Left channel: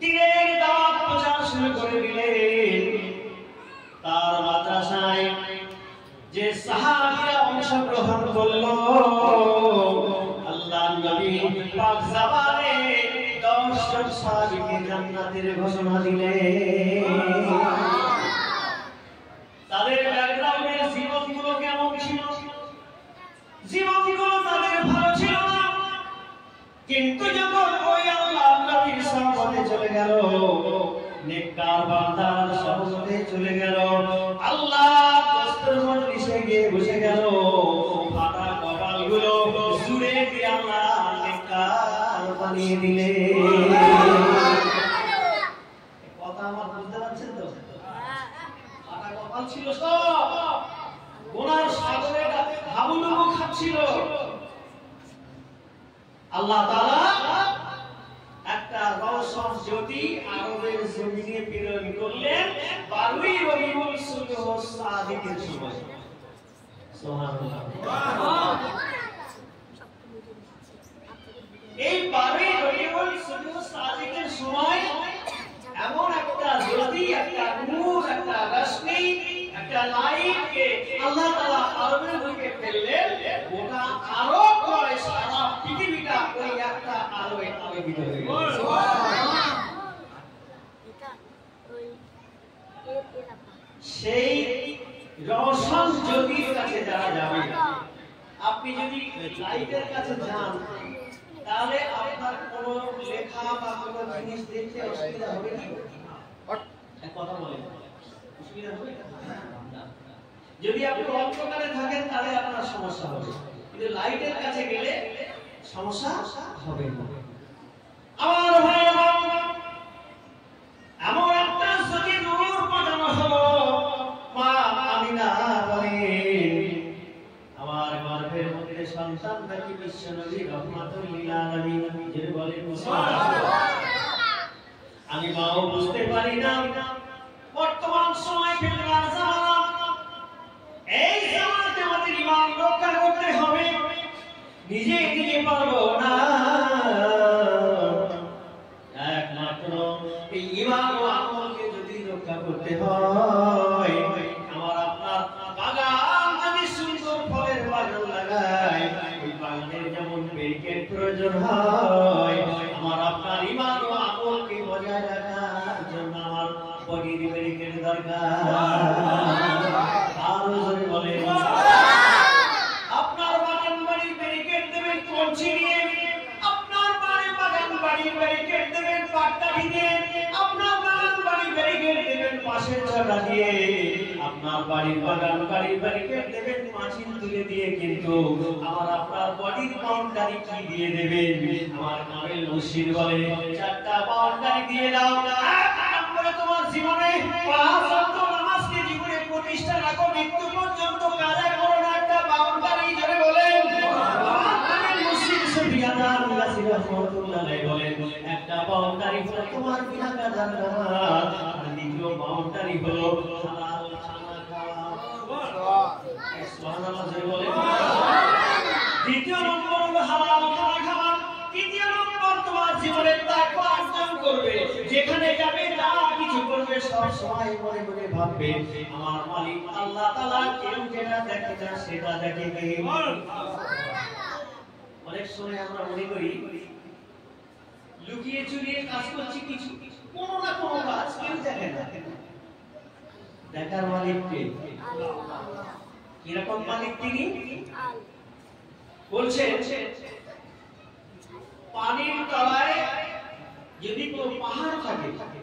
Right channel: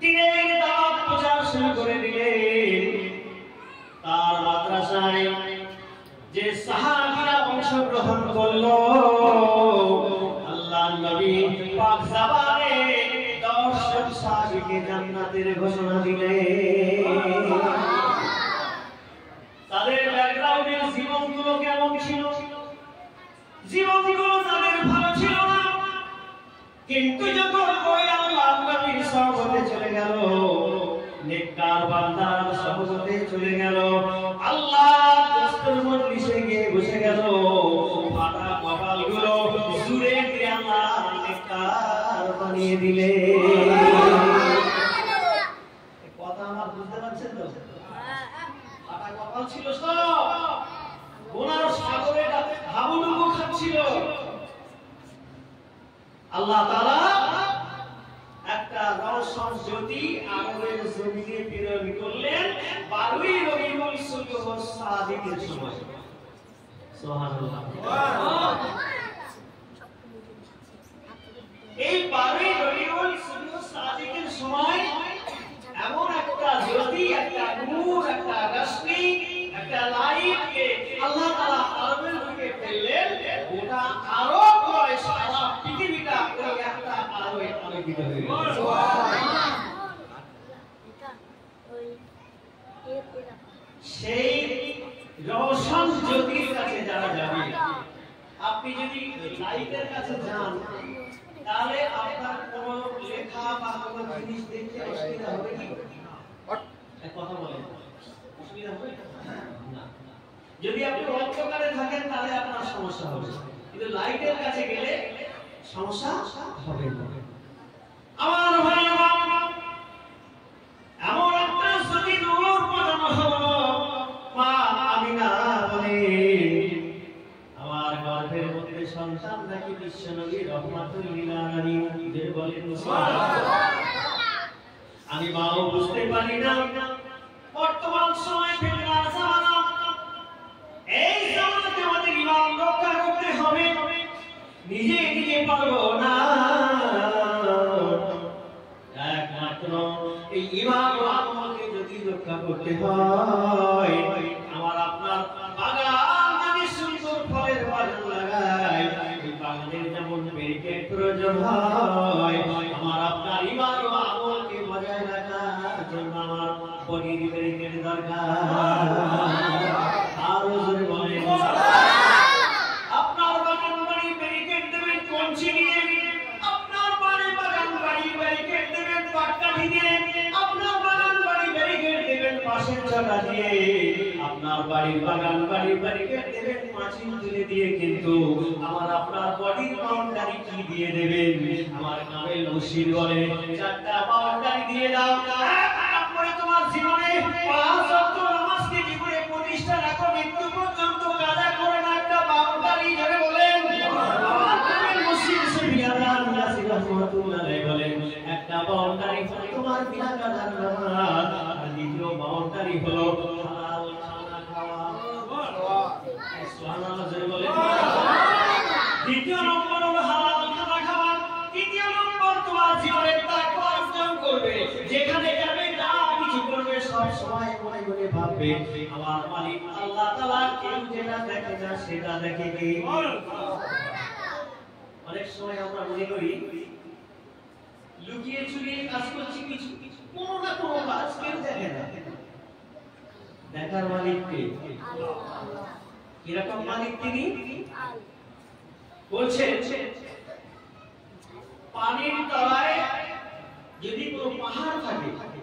দিনের দাওয়াত প্রচার শুরু করে দিলেন। তার মাদ্রাসায় যে সাহাবীরা অংশগ্রহণ করলো, আল্লাহর নবী পাক জবানে 10 জন সাহাবীকে জান্নাতের ঘোষণা দিলেন। তাদের ব্যাকগ্রাউন্ডের জীবনগুলো কেমন ছিল? জীবনগুলো তাদের ভালো ছিল না, কিন্তু যখন ওই আল্লাহর নবীর সহবতে চলে গেল, নেককার বান্দার সহবতে চলে গেল, আল্লাহর দস্তর মজলিসে গিয়ে বসে গেল, ফাটা কপালগুলো জুড়ে দিয়ে আল্লাহ নেককার বানিয়ে দিলেন। কথা আমার বুঝতে পারছেন তো? ফাটা কপাল ছিল, সব গুনার সাগরে হাবুডুবু খাচ্ছিল। আল্লাহ তাআলা একটা রওশন জ্যোতি আরবের জমিনে প্রেরণ করলেন 12ই রবিউল সাদিকের সময়। সুবহানাল্লাহ। এই 12ই রবিউল সাদিকের সময় এমন একটা জ্যোতি, একটা নূর, একটা রশ্মি, একটা লাইটকে আল্লাহ তাআলা আরবের বুকে ফেললেন। গোটা আরব নয়, সারা পৃথিবীটা ওই একটা আলোয় আলোকিত হয়ে গেল। সেই রওশন জ্যোতির কাছে যারা যাবে, আপনি যদি লাইটের কাছে যান, তাহলে আপনার কোনো লেখা বা কোনো জিনিস দেখতে অসুবিধা হবে কি? কথা বলেন, অসুবিধা হবে না। যদি আপনি অন্ধকারে থাকেন তাহলে আপনার সমস্যা হবে, কিন্তু লাইটের কাছে গেলে সমস্যা হবে না। আমার ভাই, এমন একটা জ্যোতি নূর পাঠানো হলো। মা আমিনা বলে, আমার গর্ভের মধ্যে সন্তান নাকি বিশ্বনবী রহমাতুল লিল আলামিন, যে বলেন আমি মাও বুঝতে পারি না। বর্তমান সময় ফিতনার জামানা, এই জামানাতে আমাদের ঈমান রক্ষা করতে হবে, নিজে পারবো না। একমাত্র এই ঈমান ও আমলকে যদি রক্ষা করতে হয়, আমার আপনার বাগান যদি সুন্দর ফলের বাগান লাগাই, ওই বাগানের যেমন ব্যারিকেড প্রয়োজন হয়, আমার আপনার ঈমান ও আমলকে বজায় রাখার জন্য আমার বডির ব্যারিকেড দরকার। আরো জোরে বলেন, আপনার বাগান বাড়ি ব্যারিকেড দেবেন কঞ্চি দিয়ে, আপনার বাগান বাড়ি ব্যারিকেড দেবেন পাট্টা দিয়ে, আপনার বাগান বাড়ি ব্যারিকেড দেবেন পাশের জগা দিয়ে, আপনার বাড়ির বাগান বাড়ি ব্যারিকেড দেবেন মাছিন তুলে দিয়ে, কিন্তু আমার আপনার বডির বাউন্ডারি কি দিয়ে দেবেন? আমার কামেল মুর্শিদ বলে, 4টা বাউন্ডারি দিয়ে দাও। তোমার জীবনে 5 ওয়াক্ত নামাজকে জীবনে প্রতিষ্ঠা রাখো, মৃত্যু পর্যন্ত কাজা করো না, একটা বাউন্ডারি জোরে বলেন। কামেল মুর্শিদ সুফিয়ান নাসির রাহমাতুল্লাহ আলাইহি বলেন, একটা বাউন্ডারি হলো তোমার বিনা কাজার নামাজ, আর দ্বিতীয় বাউন্ডারি হলো হালাল খানা খাওয়া। সুবহানাল্লাহ জোরে বলেন। দ্বিতীয় নম্বর হলো হালাল খানা খাওয়া, তৃতীয় নম্বর তোমার জীবনে তাকওয়া অর্জন করবে, যেখানে যাবে যা কিছু করবে সব সময় মনে মনে ভাববে আমার মালিক আল্লাহ তাআলা কেউ যেটা দেখে না সেটা দেখে কে? অনেক সময় আমরা মনে করি লুকিয়ে চুরিয়ে কাজ করছি, কিছু কোনো না কোনো কাজ কেউ দেখে না। দেখার মালিক কে? কিরকম মালিক তিনি? বলছেন পানির তলায় যদি কোনো পাহাড় থাকে,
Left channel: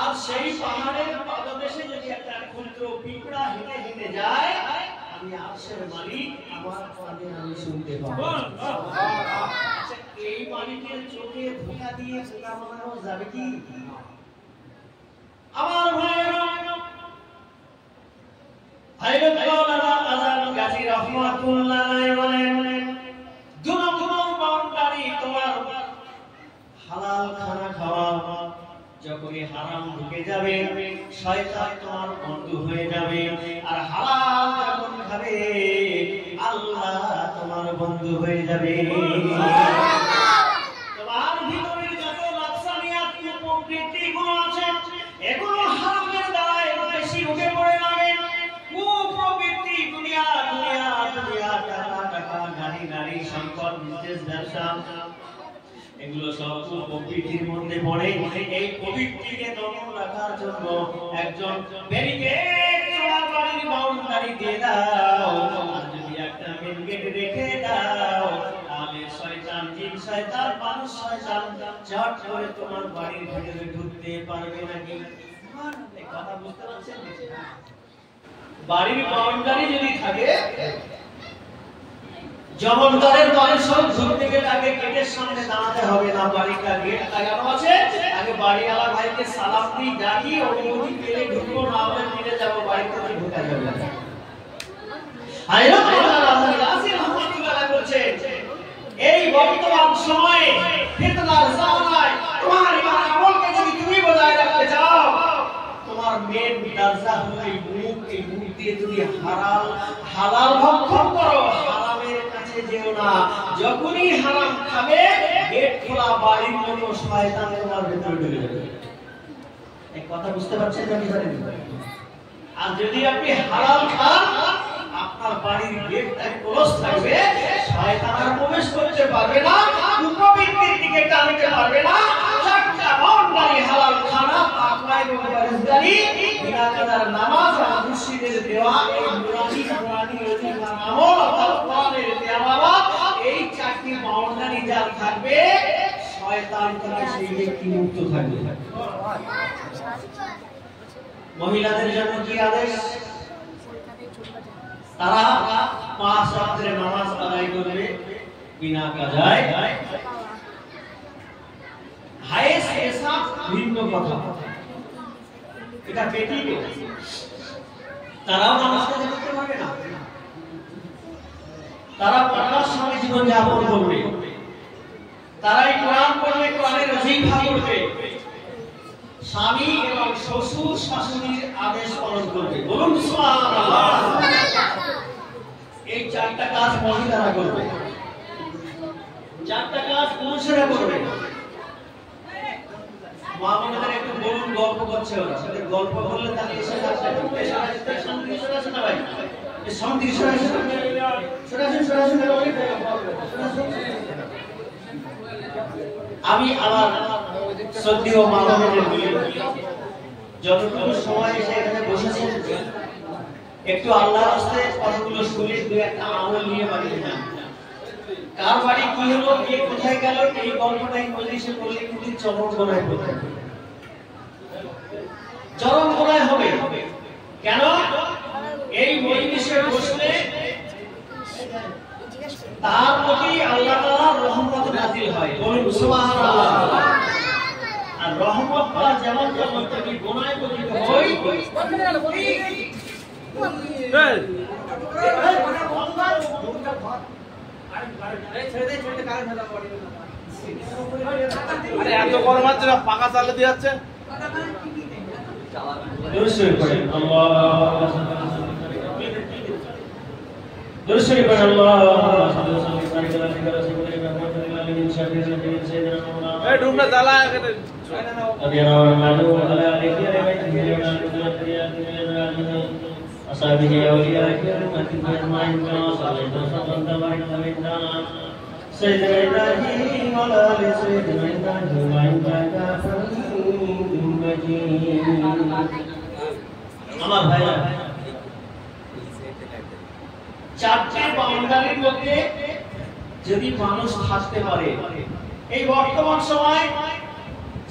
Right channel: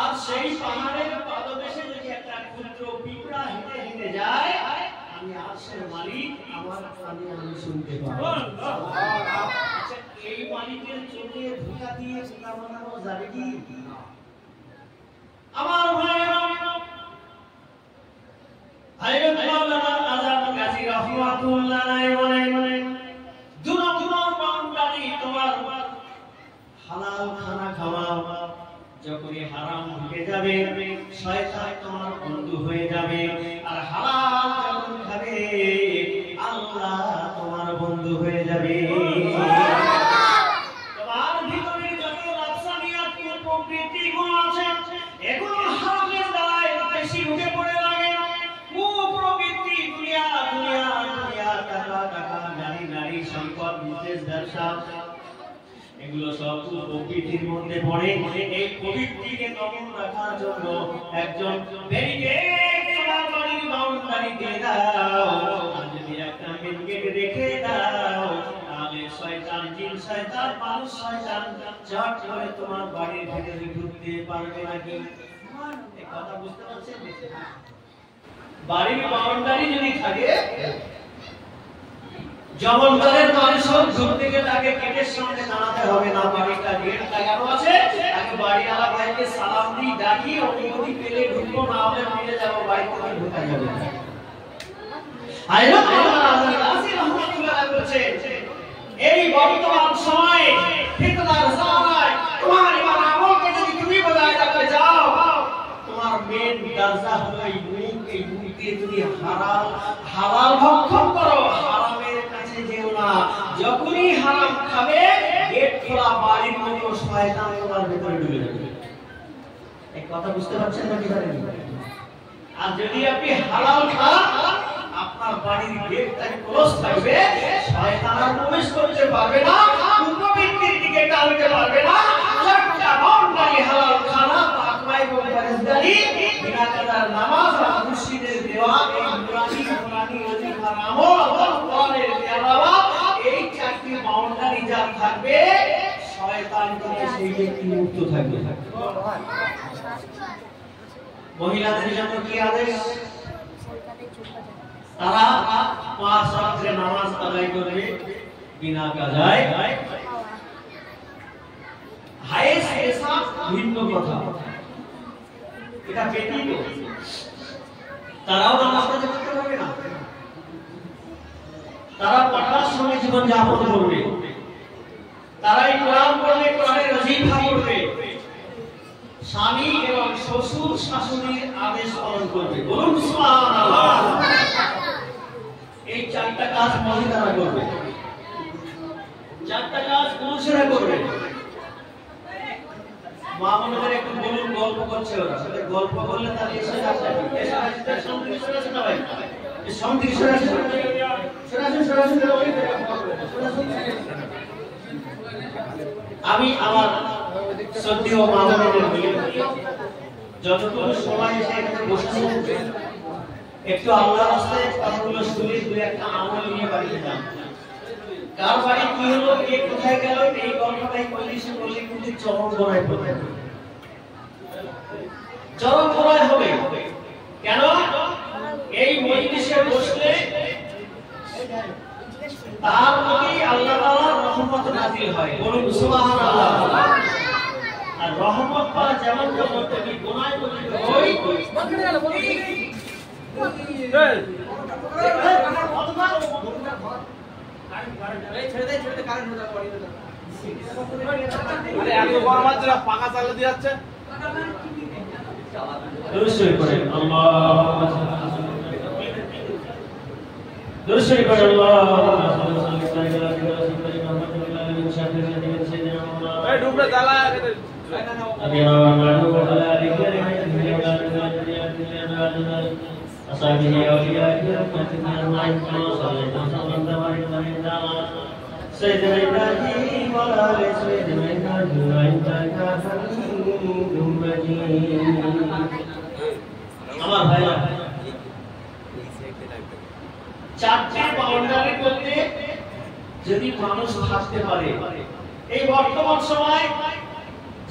আর সেই পাহাড়ের পাদদেশে যদি একটা ক্ষুদ্র পিঁপড়া হেঁটে হেঁটে যায়, আমি আরশের মালিক আমার কানে আমি শুনতে পাবো। আচ্ছা, এই মালিকের চোখে ধোঁকা দিয়ে খোদা বানানো যাবে কি? আমার ভাইয়েরা, হযরত মাওলানা আযম গাজী রাহমাতুল্লাহ আলাইহি বলেন, দুরন্তর বাউন্ডারি তোমার হালাল খানা খাওয়া। যখনই হারাম ঢুকে যাবে, শয়তান তোমার বন্ধু হয়ে যাবে, আর হালাল যখন খাবে আল্লাহ তোমার বন্ধু হয়ে যাবে। তোমার ভিতরে যত নফসানিয়াত সম্পদ, বিজনেস, ব্যবসা, এগুলো সব প্রকৃতির মধ্যে পড়ে। এই প্রকৃতিকে দমন রাখার জন্য একজন ব্যারিকেড তোমার বাড়ির বাউন্ডারি দিয়ে দাও। আর যদি একটা মেন গেট রেখে দাও, তাহলে শয়তান, জিন শয়তান, মানুষ শয়তান চট করে তোমার বাড়ির ভিতরে ঢুকতে পারবে না। কি এই কথা বুঝতে পারছেন? বাড়ির বাউন্ডারি যদি থাকে, জমনদারের দলের সব ঢুকতে গেলে আগে গেটের সামনে দাঁড়াতে হবে না। বাড়িটা গেট লাগানো আছে, আগে বাড়িওয়ালা ভাইকে সালাম দিয়ে দাঁড়িয়ে অনুমতি পেলে ঢুকবো, না হলে ফিরে যাবো, বাড়িতে ঢোকা যাবে না। এই বর্তমান সময়ে ফিতনার জামানায় তোমার ইমান আমলকে যদি তুমি বজায় রাখতে চাও, তোমার মেন দরজা হলো এই মুখ। এই মুখ দিয়ে যদি হালাল ভক্ষণ করো, হারামের কাছে যেও না। যখনই হারাম খাবে, গেট খোলা বাড়ির মধ্যে শয়তান তোমার ভিতরে ঢুকে যাবে। এই কথা বুঝতে পারছেন নাকি? আর যদি আপনি হালাল খান, আপনার বাড়ির গেটটা ক্লোজ থাকবে, শয়তান আর প্রবেশ করতে পারবে না, কুপ্রবৃত্তির দিকে টানতে পারবে না। একটা বাউন্ডারি হালাল খানা, তাকওয়া এবং পরহেজগারি, বিনা কাদার নামাজ আর মুর্শিদের দেওয়া এই নুরানি অধিকার আমল আর কোরআনের তেলাওয়াত, এই চারটি বাউন্ডারি যার থাকবে, শয়তান থেকে সেই ব্যক্তি মুক্ত থাকবে। মহিলাদের জন্য কি আদেশ? তারা 5 ওয়াক্তের নামাজ আদায় করবে বিনা কাজায়। হায়েস পেশাব ভিন্ন কথা, এটা ব্যতীত তারাও নামাজ পড়তে পারবে না। তারা পাঠার সময় জীবন যাপন করবে, তারাই কোরআন পড়বে, কোরআনের ওজিফা করবে, স্বামী এবং শ্বশুর শাশুড়ির আদেশ পালন করবে। বলুন সুবহানাল্লাহ। এই 4টা কাজ মহিলারা করবে, 4টা কাজ পুরুষেরা করবে। মা বোনদের একটু বলুন, গল্প করছে ওরা, সাথে গল্প করলে তাহলে এসে আসে শান্তি সরাসরি না ভাই, এই শান্তি সরাসরি আমি আমার শ্রদ্ধেয় মা বোনদের বলি, যতটুকু সময় এসে এখানে বসেছেন, একটু আল্লাহর রাস্তায় কথাগুলো শুনে 2-1টা আমল নিয়ে বাড়িতে যান। কার বাড়ি কি হলো, কে কোথায় গেল, এই গল্পটাই পল্লীশে পল্লী কিন্তু চরম গোনায় পড়বে, চরম গোনায় হবে। কেন? এই মজলিসে বসলে তার প্রতি আল্লাহ তাআলার রহমত নাযিল হয়। বলুন সুবহানাল্লাহ। আর রহমত পাওয়া যেমন কি গোনায় পতিত হই, পাকা চালে দিয়ে যাচ্ছে। আমার ভাইরা, 4টে বাউন্ডারির মধ্যে যদি মানুষ থাকতে পারে, এই বর্তমান সময়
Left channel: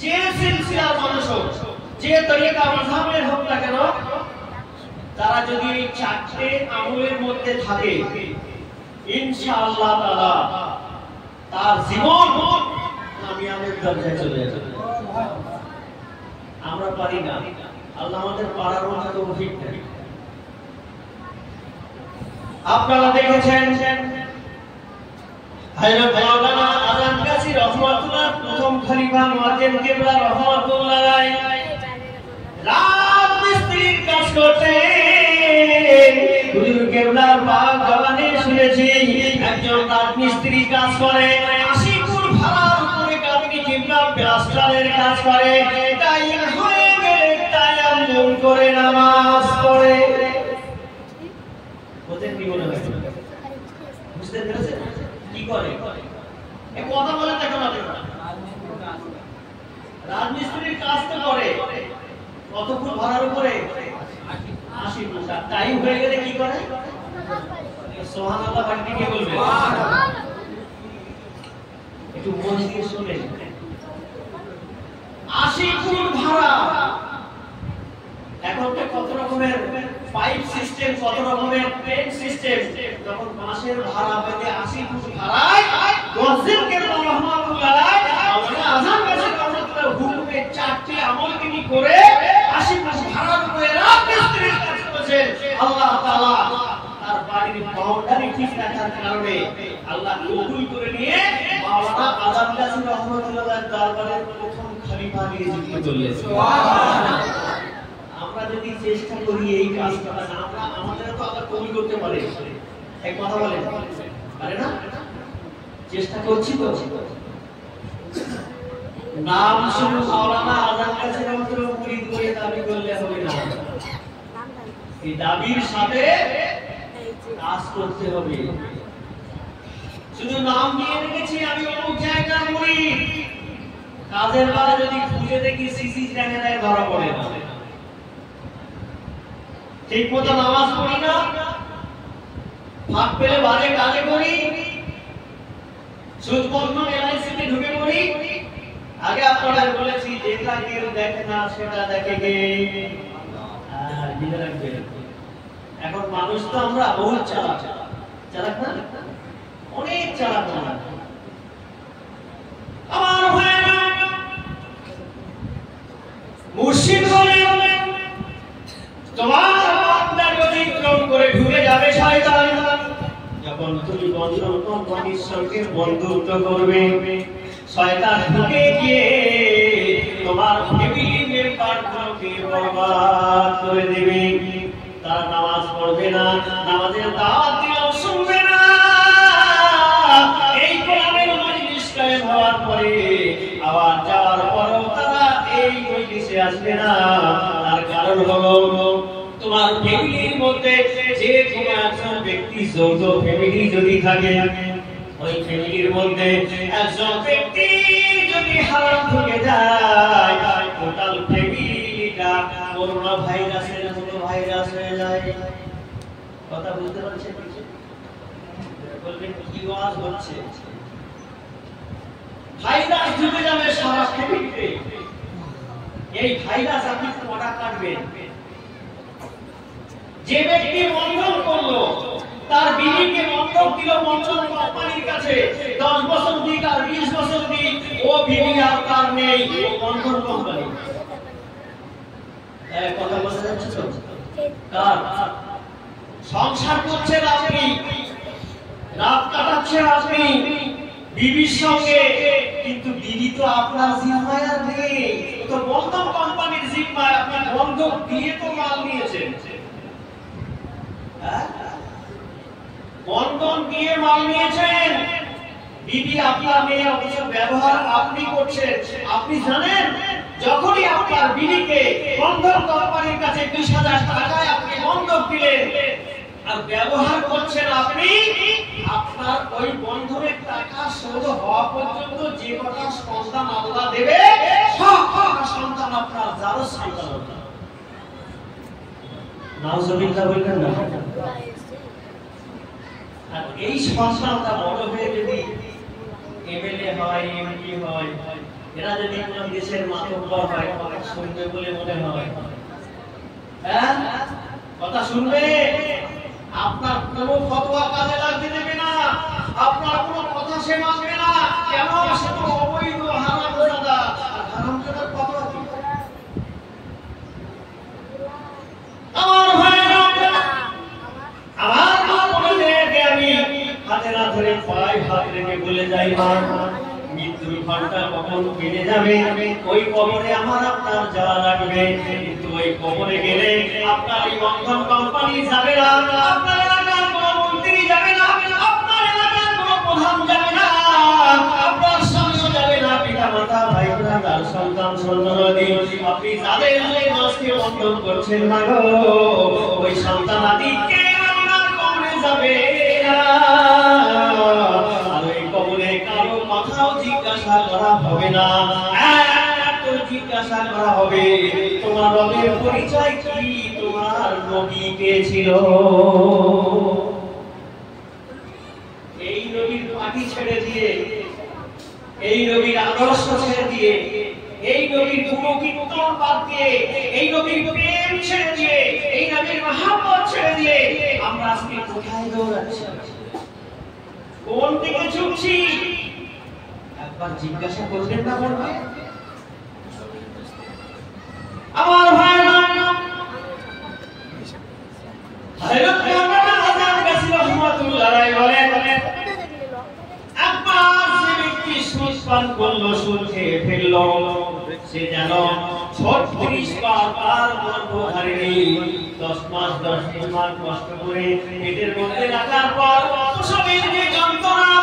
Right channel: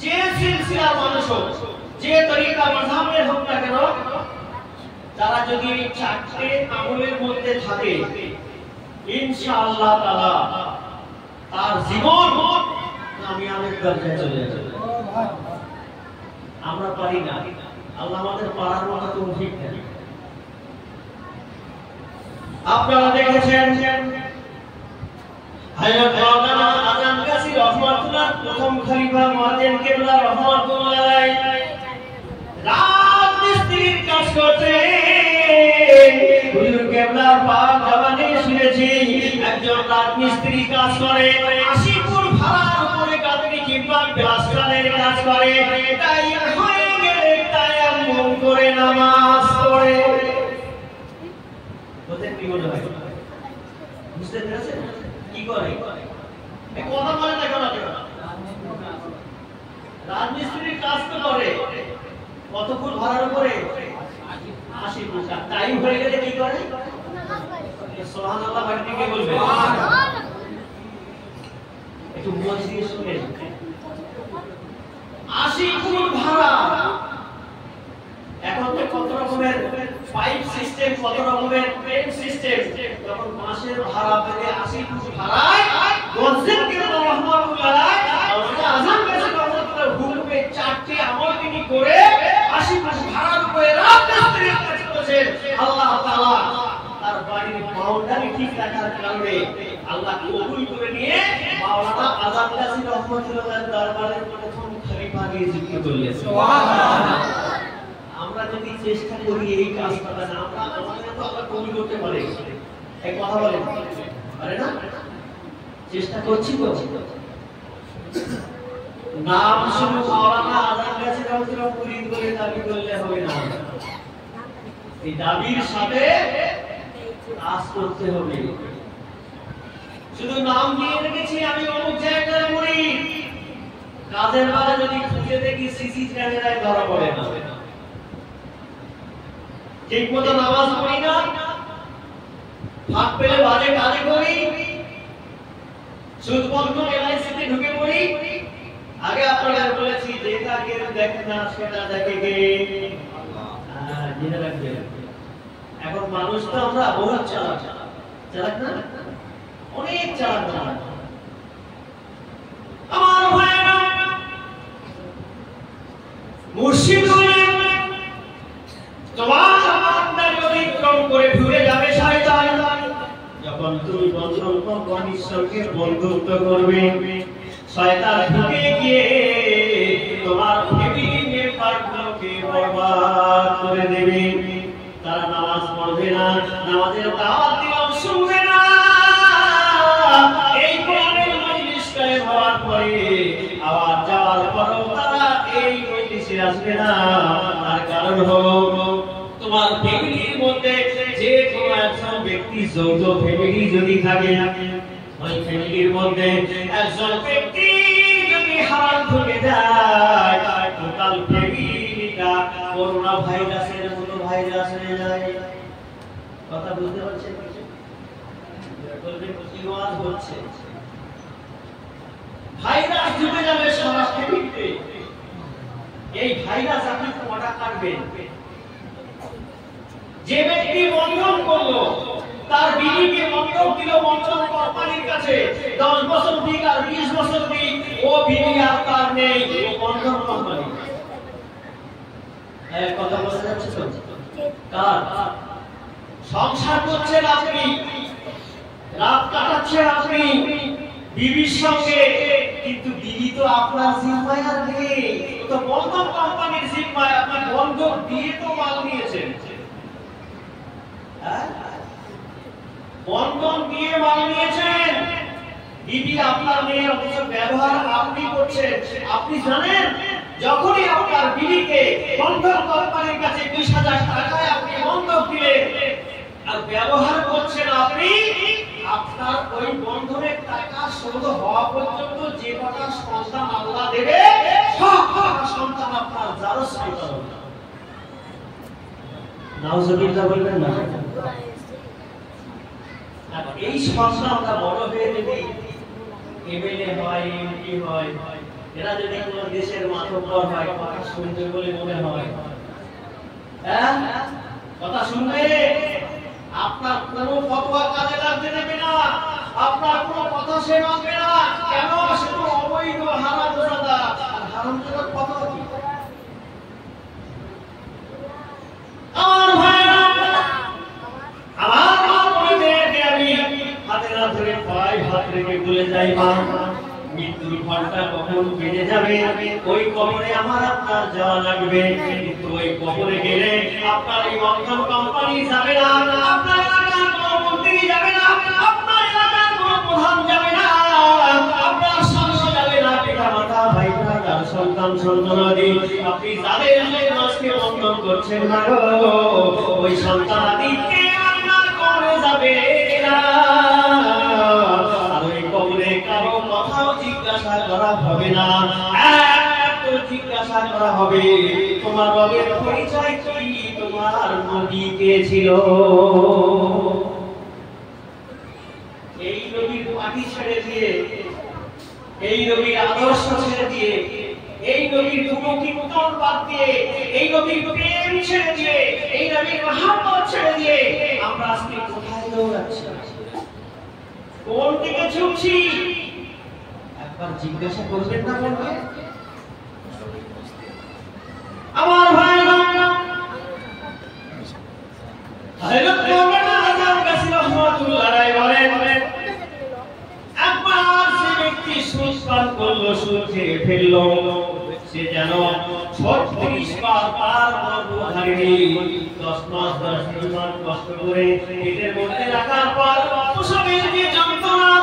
যে সিলসিলার মানুষ হোক, যে তরিকা মাযহাবের হোক না কেন, তারা যদি এই 4টে আমলের মধ্যে থাকে, ইনশাআল্লাহ তাআলা তার জীবন কামিয়াবের দরজায় চলে যাবে। আমরা পারি না, আল্লাহ আমাদের পারার মতো তৌফিক দেন। আপনারা দেখেছেন হযরত মাওলানা আজম কাসি রাহমাতুল্লাহ, প্রথম খলিফা মুয়াজ্জিন কিবলা রাহমাতুল্লাহ আলাইহি, রাত মিস্ত্রির কাজ করতেন। হুজুর কিবলার পাক জবানে শুনেছি, একজন রাত মিস্ত্রি কাজ করে, 80 ফুট ভাড়ার উপরে কাজী কিবলার প্লাস্টারের কাজ করে, তাই হয়ে গেলে তায়াম্মুম করে নামাজ পড়ে। ওদের কি মনে হয়? বুঝতে পেরেছেন? কি করে? এই কথা বলে দেখো না, রাজমিস্ত্রির কাজ তো করে, কত ফুট ভাড়ার উপরে? 80 ফুট। টাইম হয়ে গেলে কি করে? সুবহানাল্লাহ বাড়িতে কে বলবে? একটু মন দিয়ে শুনে, 80 ফুট ভাড়া। এখন তো কত রকমের পাইপ সিস্টেম, কত রকমের ট্রেন সিস্টেম। যখন মাসের ভাড়া পেলে 80 ফুট ভাড়ায় গজ্জেনকে রহমাতুল্লাহ আল্লাহ আযান কাছে রহমাতুল্লাহ হুকুমে 4টি আমল তিনি করে 80 ফুট ভাড়ার উপরে রাজমিস্ত্রির কাজ করেছেন। আল্লাহ তাআলা তার বাড়ির বাউন্ডারি ঠিক রাখার কারণে আল্লাহ কবুল করে নিয়ে মাওলানা আযান কাছে রহমাতুল্লাহ দরবারে প্রথম খলিফা নিযুক্ত করলেন। সুবহানাল্লাহ। আমরা যদি চেষ্টা করি এই কাজটা, আমরা আমাদের তো আল্লাহ কবুল করতে পারে, এক কথা বলেন পারে না? চেষ্টা করছি তো। নাম শুনে মাওলানা আযান কাছে রহমাতুল্লাহ মুরিদ করে দাবি করলে হবে না, এই দাবির সাথে কাজ করতে হবে। শুধু নাম দিয়ে রেখেছি আমি অমুক জায়গায় মুরিদ, কাজের বেলা যদি খুঁজে দেখি সিসি ক্যামেরায় ধরা পড়ে না, ঠিক মতো নামাজ পড়ি না, ফাঁক পেলে বাজে কাজে করি, সুদ বন্ধ এলআইসিতে ঢুকে পড়ি। আগে আপনারা বলেছি যেটা কেউ দেখে না সেটা দেখে কে? আল্লাহ। এখন মানুষ তো আমরা বহুত চালাক, চালাক না? অনেক চালাক না আমার ভাইরা। মুর্শিদ বলে তোমার বান্দার অতিক্রম করে ঢুকে যাবে শয়তান। যখন তুমি বন্ধন কোম্পানির সঙ্গে বন্ধুত্ব করবে, শয়তান ঢুকে গিয়ে তোমার ফ্যামিলি মেম্বারগুলোকে বরবাদ করে দেবে। তারা নামাজ পড়বে না, নামাজের দাওয়াত দিলেও শুনবে না। এই কোরআনের মজলিস কায়েম হওয়ার পরে আবার যাওয়ার পরেও তারা এই মজলিসে আসবে না। আর কারণ হলো তোমার ফ্যামিলির মধ্যে যে কোনো একজন ব্যক্তি, যৌথ ফ্যামিলি যদি থাকে, ওই ফ্যামিলির মধ্যে একজন ব্যক্তি যদি হারাম ঢুকে যায়, টোটাল ফ্যামিলিটা করোনা ভাইরাসের মতো ভাইরাস হয়ে যায়। কথা বুঝতে পারছেন? বলবেন কি ওয়াজ হচ্ছে? ভাইরাস ঢুকে যাবে সারা ফ্যামিলিতে। এই ভাইরাস আপনি কটা কাটবেন? যে ব্যক্তি বন্ধন করলো, তার বিবিকে বন্ধক দিল বন্ধন কোম্পানির কাছে, 10 বছর দিক আর 20 বছর দিক, ও বিবি আর তার নেই, ও বন্ধন কোম্পানি। কথা বলা যাচ্ছে তো? কার সংসার করছেন আপনি, রাত কাটাচ্ছেন আপনি বিবির সঙ্গে, কিন্তু বিবি তো আপনার জিম্মায় আর নেই, ও তো বন্ধন কোম্পানির জিম্মায়। আপনি বন্ধক দিয়ে তো মাল নিয়েছেন, বন্ধন দিয়ে মাল নিয়েছেন, বিবি আপনার মেয়ে, অথচ ব্যবহার আপনি করছেন। আপনি জানেন যখনই আপনার বিবিকে বন্ধন কোম্পানির কাছে 20,000 টাকায় আপনি বন্ধক দিলেন আর ব্যবহার করছেন আপনি, আপনার ওই বন্ধনের টাকা শোধ হওয়া পর্যন্ত যে কটা সন্তান আল্লাহ দেবে, সব কটা সন্তান আপনার জারজ সন্তান হবে। নাউজুবিল্লাহ বলবেন না? আর এই সন্তানটা বড় হয়ে যদি এমএলএ হয়, এমপি হয়, এরা যদি কোন দেশের মাতব্বর হয়, কথা শুনবে বলে মনে হয়? হ্যাঁ, কথা শুনবে? আপনার কোনো ফতোয়া কাজে লাগবে না, আপনার কোনো কথা সে মানবে না। কেন? সে তো অবৈধ হারামজাদা। আর হারামজাদার কথা কি? আমার ভাইরা, আমার মা-বোনেদেরকে আমি হাতে না ধরে পায়ে হাত রেখে বলে যাই, মা, মৃত্যুর ঘন্টা কখন বেজে যাবে, ওই কবরে আমার আপনার যাওয়া লাগবে। কিন্তু ওই কবরে গেলে আপনার এই বন্ধন কোম্পানি যাবে না, আপনার এলাকার কোনো মন্ত্রী যাবে না, আপনার এলাকার কোনো প্রধান যাবে না, আপনার শাসক যাবে না, পিতা মাতা ভাই বোন সন্তান সন্ততি, আপনি যাদের আজকে বন্ধন করছেন না গো, ওই সন্তানাদিকে আপনার কবরে যাবে না। না, এত জিজ্ঞাসা করা হবে তোমার রবের পরিচয় কি, তোমার নবী কে ছিল। এই নবীর মাটি ছেড়ে দিয়ে, এই নবীর আদর্শ ছেড়ে দিয়ে, এই নবীর গুণকীর্তন বাদ দিয়ে, এই নবীর প্রেম ছেড়ে দিয়ে, এই নবীর মহব্বত ছেড়ে দিয়ে আমরা আজকে কোথায় দৌড়াচ্ছি, কোন দিকে ঝুঁকছি? একবার জিজ্ঞাসা করবেন না বলবে? আমার ভাই হযরত মাওলানা আযম গাজী রাহমাতুল্লাহ আলাইহি বলেন, একবার যে ব্যক্তি সুদ পান করলো, সুদ খেয়ে ফেললো, সে যেন 36 বার তার গর্ভধারিণী 10 মাস 10 দিন কষ্ট করে পেটের মধ্যে রাখার পর প্রসবের যে যন্ত্রণা,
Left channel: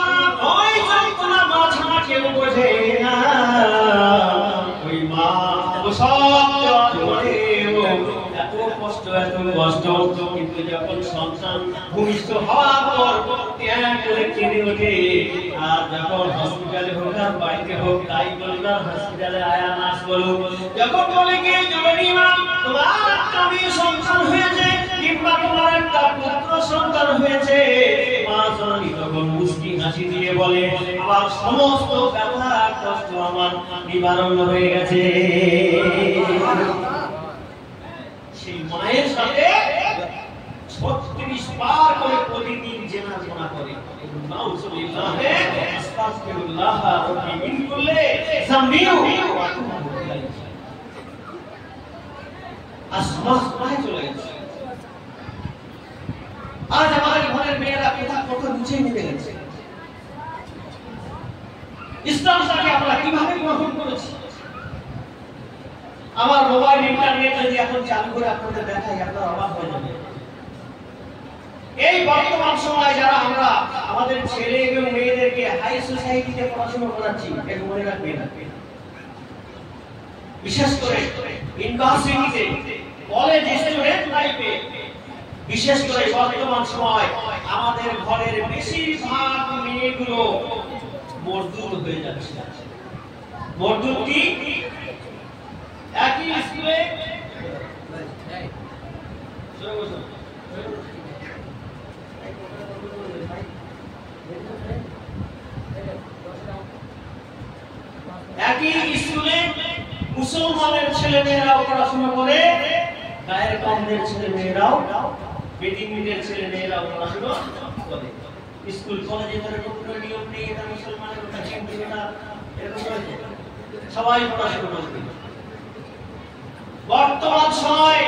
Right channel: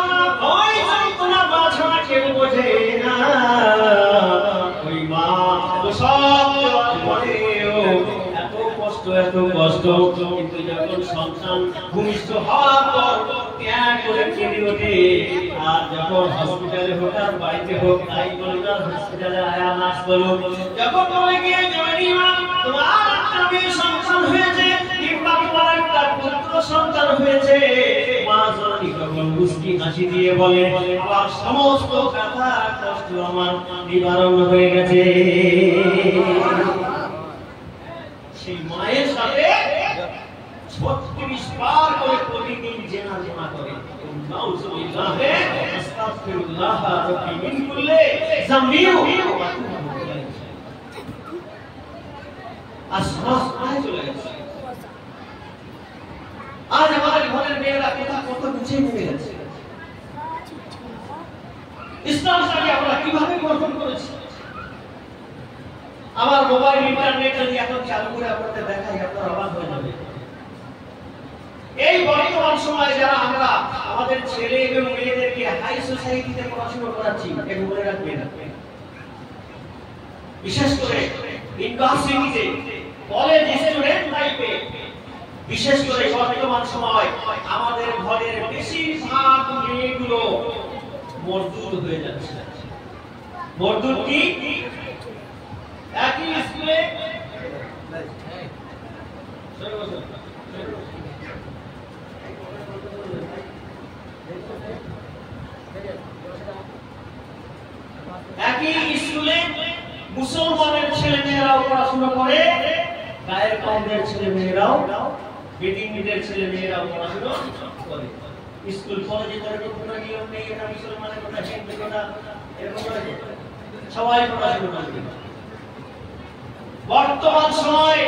ওই যন্ত্রণা বাছানা কেউ বোঝে না। ওই মা প্রসব দেওয়ার পরেও এত কষ্ট, কিন্তু যখন সন্তান ভূমিষ্ঠ হওয়ার পর ত্যাগ করে কেঁদে ওঠে, আর যখন হসপিটালে হোক আর বাড়িতে হোক, তাই বললাম হসপিটালে আয়া মাস বলো, যখন বলে গিয়ে জরুরি মা তোমার একটা মেয়ে সন্তান হয়েছে কিংবা তোমার একটা পুত্র সন্তান হয়েছে, মা জননী তখন মুস্কি হাসি দিয়ে বলে আমার সমস্ত ব্যথা কষ্ট আমার নিবারণ হয়ে গেছে। সেই মায়ের সাথে 36 বার করে প্রতিদিন জেনা করে, নাউযুবিল্লাহ আস্তাগফিরুল্লাহ রাব্বি মিন কুল্লি যামবি ওয়া আতুবু ইলাইহি। আস্তাগফিরুল্লাহ চলে গেছে। আজ আমাদের ঘরের মেয়েরা কথা বুঝিয়ে নিতে গেছে। ইসলামকে আমরা কিভাবে গ্রহণ করেছি? আমার মোবাইল ইন্টারনেট যদি এখন চালু করে আপনাদের দেখাই, আপনারা অবাক হয়ে যাবেন। এই বর্তমান সময়ে যারা আমরা আমাদের ছেলে এবং মেয়েদেরকে হাই সোসাইটিতে পড়াশোনা করাচ্ছি, একটু মনে রাখবেন, বিশেষ করে ইউনিভার্সিটিতে, কলেজ, স্টুডেন্ট লাইফে, বিশেষ করে বর্তমান সময় আমাদের ঘরের বেশিরভাগ মেয়েগুলো মজদুর হয়ে যাচ্ছে। মজদুর কি? একই স্কুলে মুসলমানের ছেলে মেয়েরাও পড়াশোনা করে, গায়ের কমদের ছেলে মেয়েরাও, বেটিংদের ছেলে মেয়েরাও পড়াশোনা করে। স্কুল কলেজে যেরকম কোনো নিয়ম নেই, এটা মুসলমানের কথা, হিন্দু কথা, এরকম সবাই পড়াশোনা করে। বর্তমান সময়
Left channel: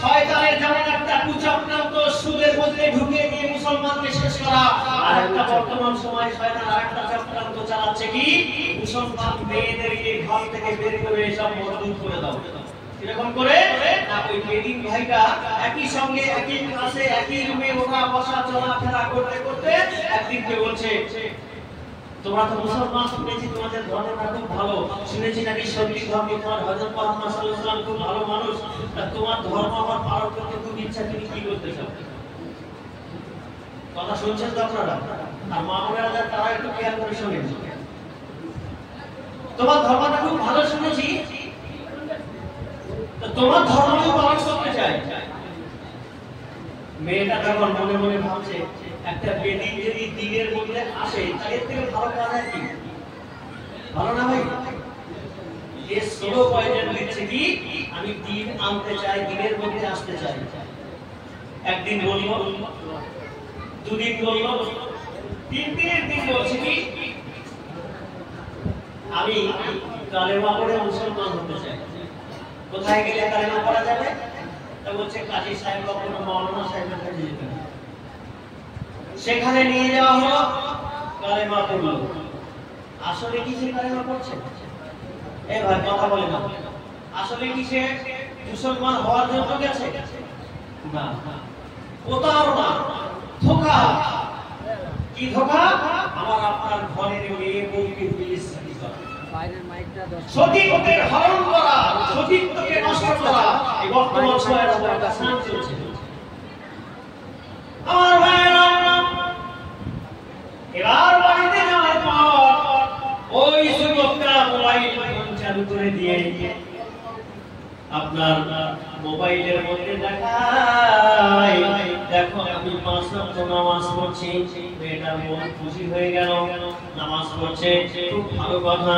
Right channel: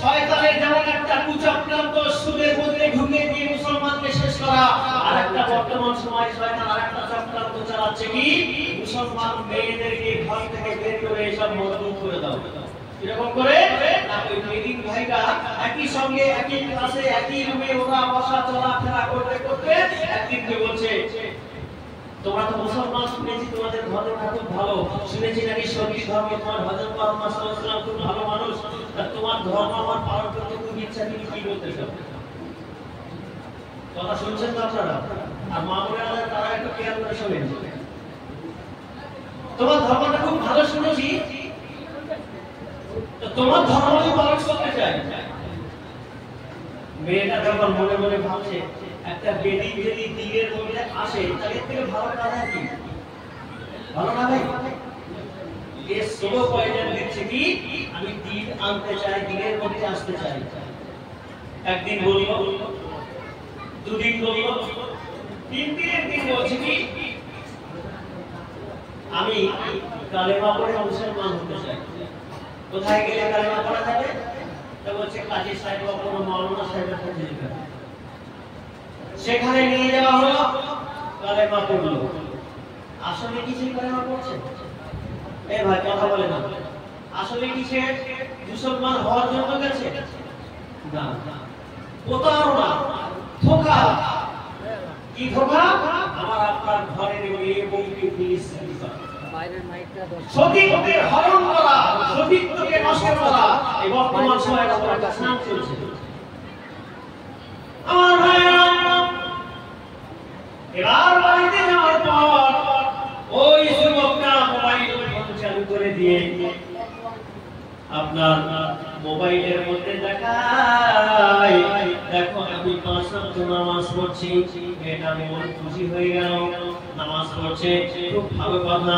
শয়তানের যেমন একটা কুচক্রান্ত সুদের মধ্যে ঢুকে দিয়ে মুসলমানকে শেষ করা, আর একটা বর্তমান সময় শয়তান আরেকটা চক্রান্ত চালাচ্ছে কি, মুসলমান মেয়েদেরকে ঘর থেকে বের করে সব মজদুর করে দাও। এরকম করে ওই বেদিন ভাইটা একই সঙ্গে একই ক্লাসে একই রুমে ওরা বসা চলাফেরা করতে করতে একদিন বলছে, তোমরা তো মুসলমান, শুনেছি তোমাদের ধর্ম খুব ভালো, শুনেছি নাকি সত্যি ধর্ম তোমার হযরত মুহাম্মদ সাল্লাল্লাহু আলাইহি ওয়াসাল্লাম খুব ভালো মানুষ, তা তোমার ধর্ম আমার পালন করতে খুব ইচ্ছা, তুমি কি করতে চাও? কথা শুনছেন তো আপনারা? আর মা বোনেরা তারা একটু খেয়াল করে শোনেন, তোমার ধর্মটা খুব ভালো শুনেছি, তো তোমার ধর্ম আমি পালন করতে চাই। মেয়েটা যখন মনে মনে ভাবছে একটা বেদিন যদি দিনের মধ্যে আসে, তার থেকে ভালো কাজ আর কি? ভালো না ভাই? এ স্লো পয়জন দিচ্ছে কি, আমি দিন আনতে চাই, দিনের মধ্যে আসতে চাই। একদিন বলবো, দুদিন বলবো, তিন দিনের দিন বলছে কি আমি কালেমা পড়ে মুসলমান হতে চাই। কোথায় গেলে কালেমা পড়া যাবে? তা বলছে কাজী সাহেব বা কোনো মাওলানা সাহেবের কাছে যেতে হবে। সেখানে নিয়ে যাওয়া হলো, কালেমা পড়লো। আসলে কি সে কালেমা পড়ছে? এ ভাই কথা বলে না, আসলে কি সে মুসলমান হওয়ার জন্য গেছে? না, প্রতারণা, ধোঁকা। কি ধোঁকা? আমার আপনার ঘরের মেয়ে বউকে বিলিসিনি করা, বাইরের মাইকটা সতীত্বকে হরণ করা, সতীত্বকে নষ্ট করা, এই বর্তমান সময়ে একটা স্নান চলছে। আমার ভাইরা, এবার বাড়িতে যাওয়ার পর ওই যুবকটা মোবাইল দিয়ে আপনার মোবাইলের মধ্যে দেখায়, দেখো আমি 5 ওয়াক্ত নামাজ পড়ছি, মেয়েটার মন খুশি হয়ে গেল, নামাজ পড়ছে, খুব ভালো কথা।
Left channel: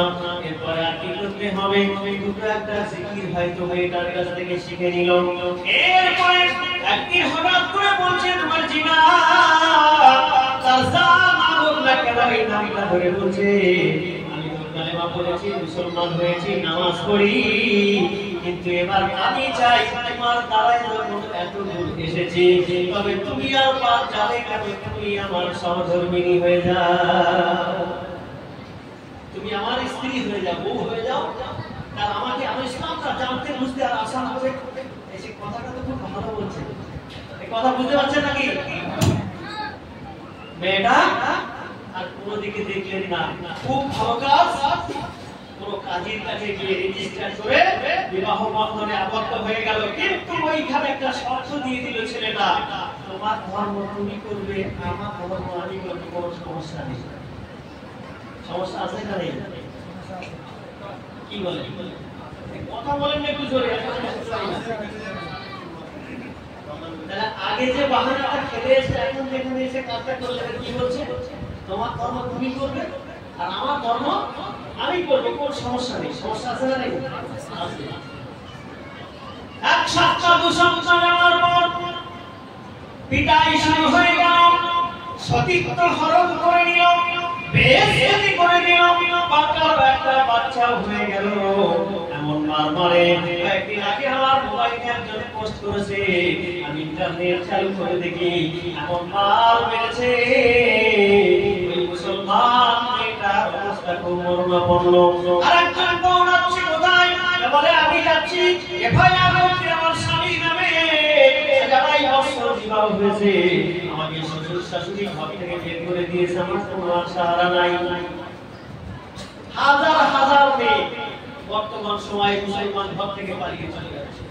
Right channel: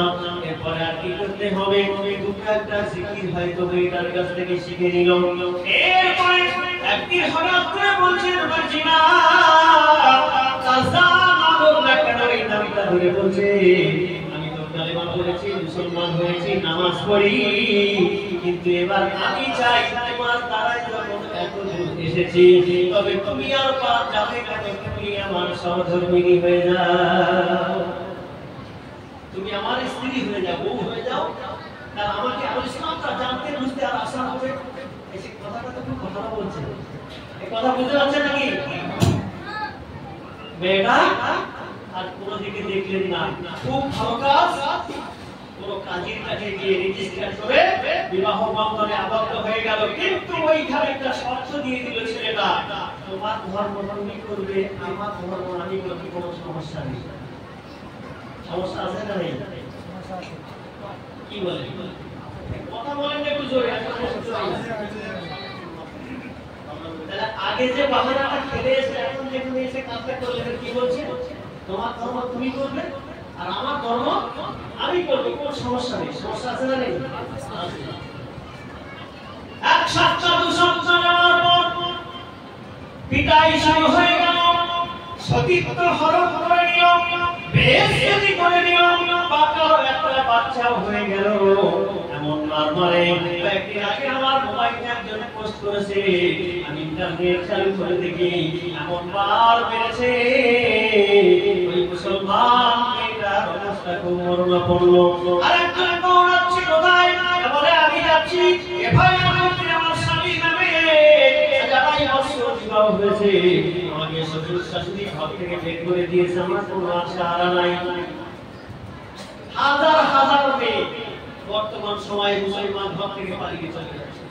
এরপরে আর কি করতে হবে? দুটো একটা জিকির হয়তো মেয়েটার কাছ থেকে শিখে নিল। এরপরে একদিন হঠাৎ করে বলছে তোমার জিনা কাজা মালুম না কেন এই নামটা ধরে বলছে, আমি তো কালেমা পড়েছি, মুসলমান হয়েছি, নামাজ পড়ি, কিন্তু এবার আমি চাই তোমার দ্বারাই যখন এত দূর এসেছি, তবে তুমি আর পার যাবে কেন? তুমি আমার সহধর্মিণী হয়ে যাও, তুমি আমার স্ত্রী হয়ে যাও, বউ হয়ে যাও, আর আমাকে আমার ইসলামটা জানতে বুঝতে আর আসান হবে। এই যে কথাটা তো খুব ভালো বলছে, এই কথা বুঝতে পারছেন নাকি? মেয়েটা আর কোনো দিকে দেখলেন না, খুব ভালো কাজ, কোনো কাজের কাছে গিয়ে রেজিস্টার করে বিবাহ বন্ধনে আবদ্ধ হয়ে গেল। কিন্তু ওইখানে একটা শর্ত দিয়ে দিল ছেলেটা, তোমার ধর্ম তুমি করবে, আমার ধর্ম আমি করতে কোনো সমস্যা নেই। সমস্যা আছে না নেই? কি বলে কথা বলেন না একটু জোরে। তাহলে আগে যে বাহানাটা খেলে এসে এখন যেখানে এসে কাজটা করলেন, কি বলছে? তোমার ধর্ম তুমি করবে আর আমার ধর্ম আমি করবো, কোনো সমস্যা নেই। সমস্যা আছে না নেই? আছে। এক সপ্তাহ 2 সপ্তাহ যাওয়ার পর পিতাই শুরু হয়ে গেল, সতীত্ব হরণ করে নিল, বেইজ্জতি করে নিল, পাকার একটা বাচ্চা হয়ে গেল। এমন মারমারে একদিন আগে আমার মোবাইলে একজন পোস্ট করেছে, আমি ইন্টারনেট চালু করে দেখি, এমন মার মেরেছে ওই মুসলমান মেয়েটার অবস্থা খুব মরণাপন্ন। আর একজন দৌড়াচ্ছে কোথায়, বলে আমি যাচ্ছি এফআইআর করতে আমার স্বামী নামে জানাই বছর বিবাহ হয়েছে, আমাকে শ্বশুর শাশুড়ি ঘর থেকে বের করে দিয়েছে, আমার কোনো আশাহারা নাই। হাজার হাজার মেয়ে বর্তমান সময়ে মুসলমান ঘর থেকে পালিয়ে চলে যাচ্ছে।